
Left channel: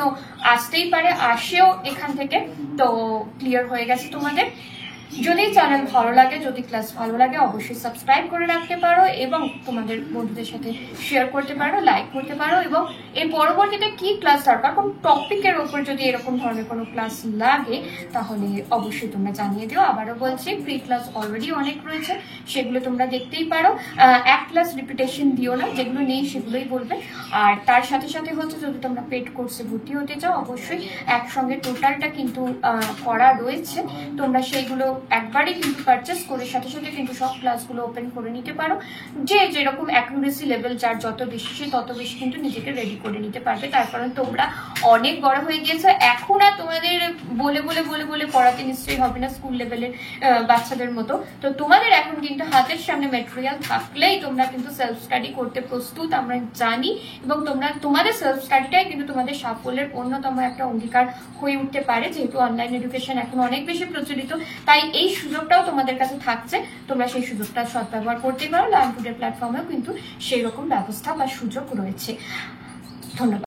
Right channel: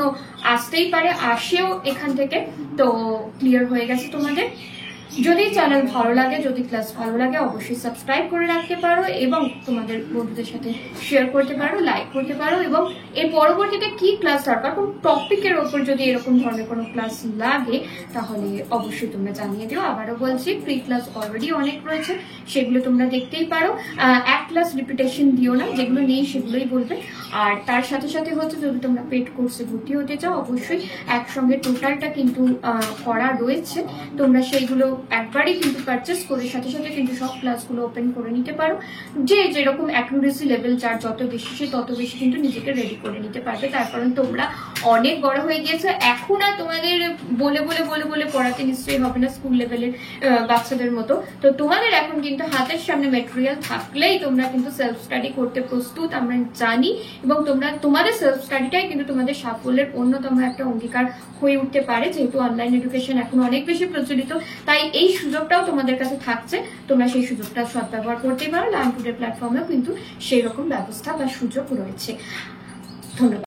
আসতেই পারে, আসেও এখান থেকে, তো ক্লিয়ার হয়ে গেছে তোমাদের। যদি চ্যানেল ভালো লাগে, যদি ক্লাস ভালো লাগে, অবশ্যই সাবস্ক্রাইব করে রাখতে পারো এবং তোমাদের বন্ধুদের সাথে শেয়ার করতে পারো, লাইক করতে পারো। এবং এর পরবর্তীতে কি ক্লাস দরকার, কোন টপিকের ওপর যদি এরকম ধরনের কোনো ক্লাস লাগে, তাহলে অবশ্যই তোমরা জানিয়ে দিও। আবারও বলছি, ফ্রি ক্লাস অলরেডি অনেক রয়েছে, সেগুলো তোমরা দেখতেই পারো। এক ক্লাস রিপিটেশন দিও না, যেগুলো নেই সেগুলোই বলবে। আর তার সাথে সাথে হচ্ছে, যদি তোমরা পেড কোর্সে ভর্তি হতে চাও, অবশ্যই একসঙ্গে টোটালটা কিন্তু করা রয়েছে, তোমরা সেইগুলো একবারই কিন্তু পারচেস করে সাথে সাথে কিন্তু সব ক্লাসগুলো ওপেন করে নিতে পারো। যে যেরকম অ্যাকুরেসি লেভেল যার যত বেশি, সে তত বেশি কিন্তু নিজেকে রেডি করে নিতে পারবে। তার কারণ তোমরা অনেক বড় হয়ে গিয়েছো, এখন আর তোমাদের বলে বলে বলে বলে পড়াতে নিশ্চয়ই হবে না স্কুল লেভেলের বাচ্চাদের মতো। তো তোমাদের এখন কিন্তু হাতের সামনে মেটেরিয়াল থাকলেই তোমরা কিন্তু সেলফ স্টাডি করতে প্রস্তুত, আমরা জানি। এবং তোমাদের সেলফ স্টাডিটাই কিন্তু তোমাদের সাফল্যের অন্যতম একটা অঙ্গীকার হয়ে উঠতে পারে, যেহেতু অনলাইন এডুকেশন এখন অনেক বেশি প্রচলিত। তাই এই সুযোগটাও তোমাদের কাছে থাকছে, তোমরা সেই সুযোগটা সদ্ব্যবহার করতেই পারো। লার্ন টুডে প্ল্যাটফর্মেও কিন্তু সেই রকম ব্যবস্থা বা সুযোগ রয়েছে। ধন্যবাদ।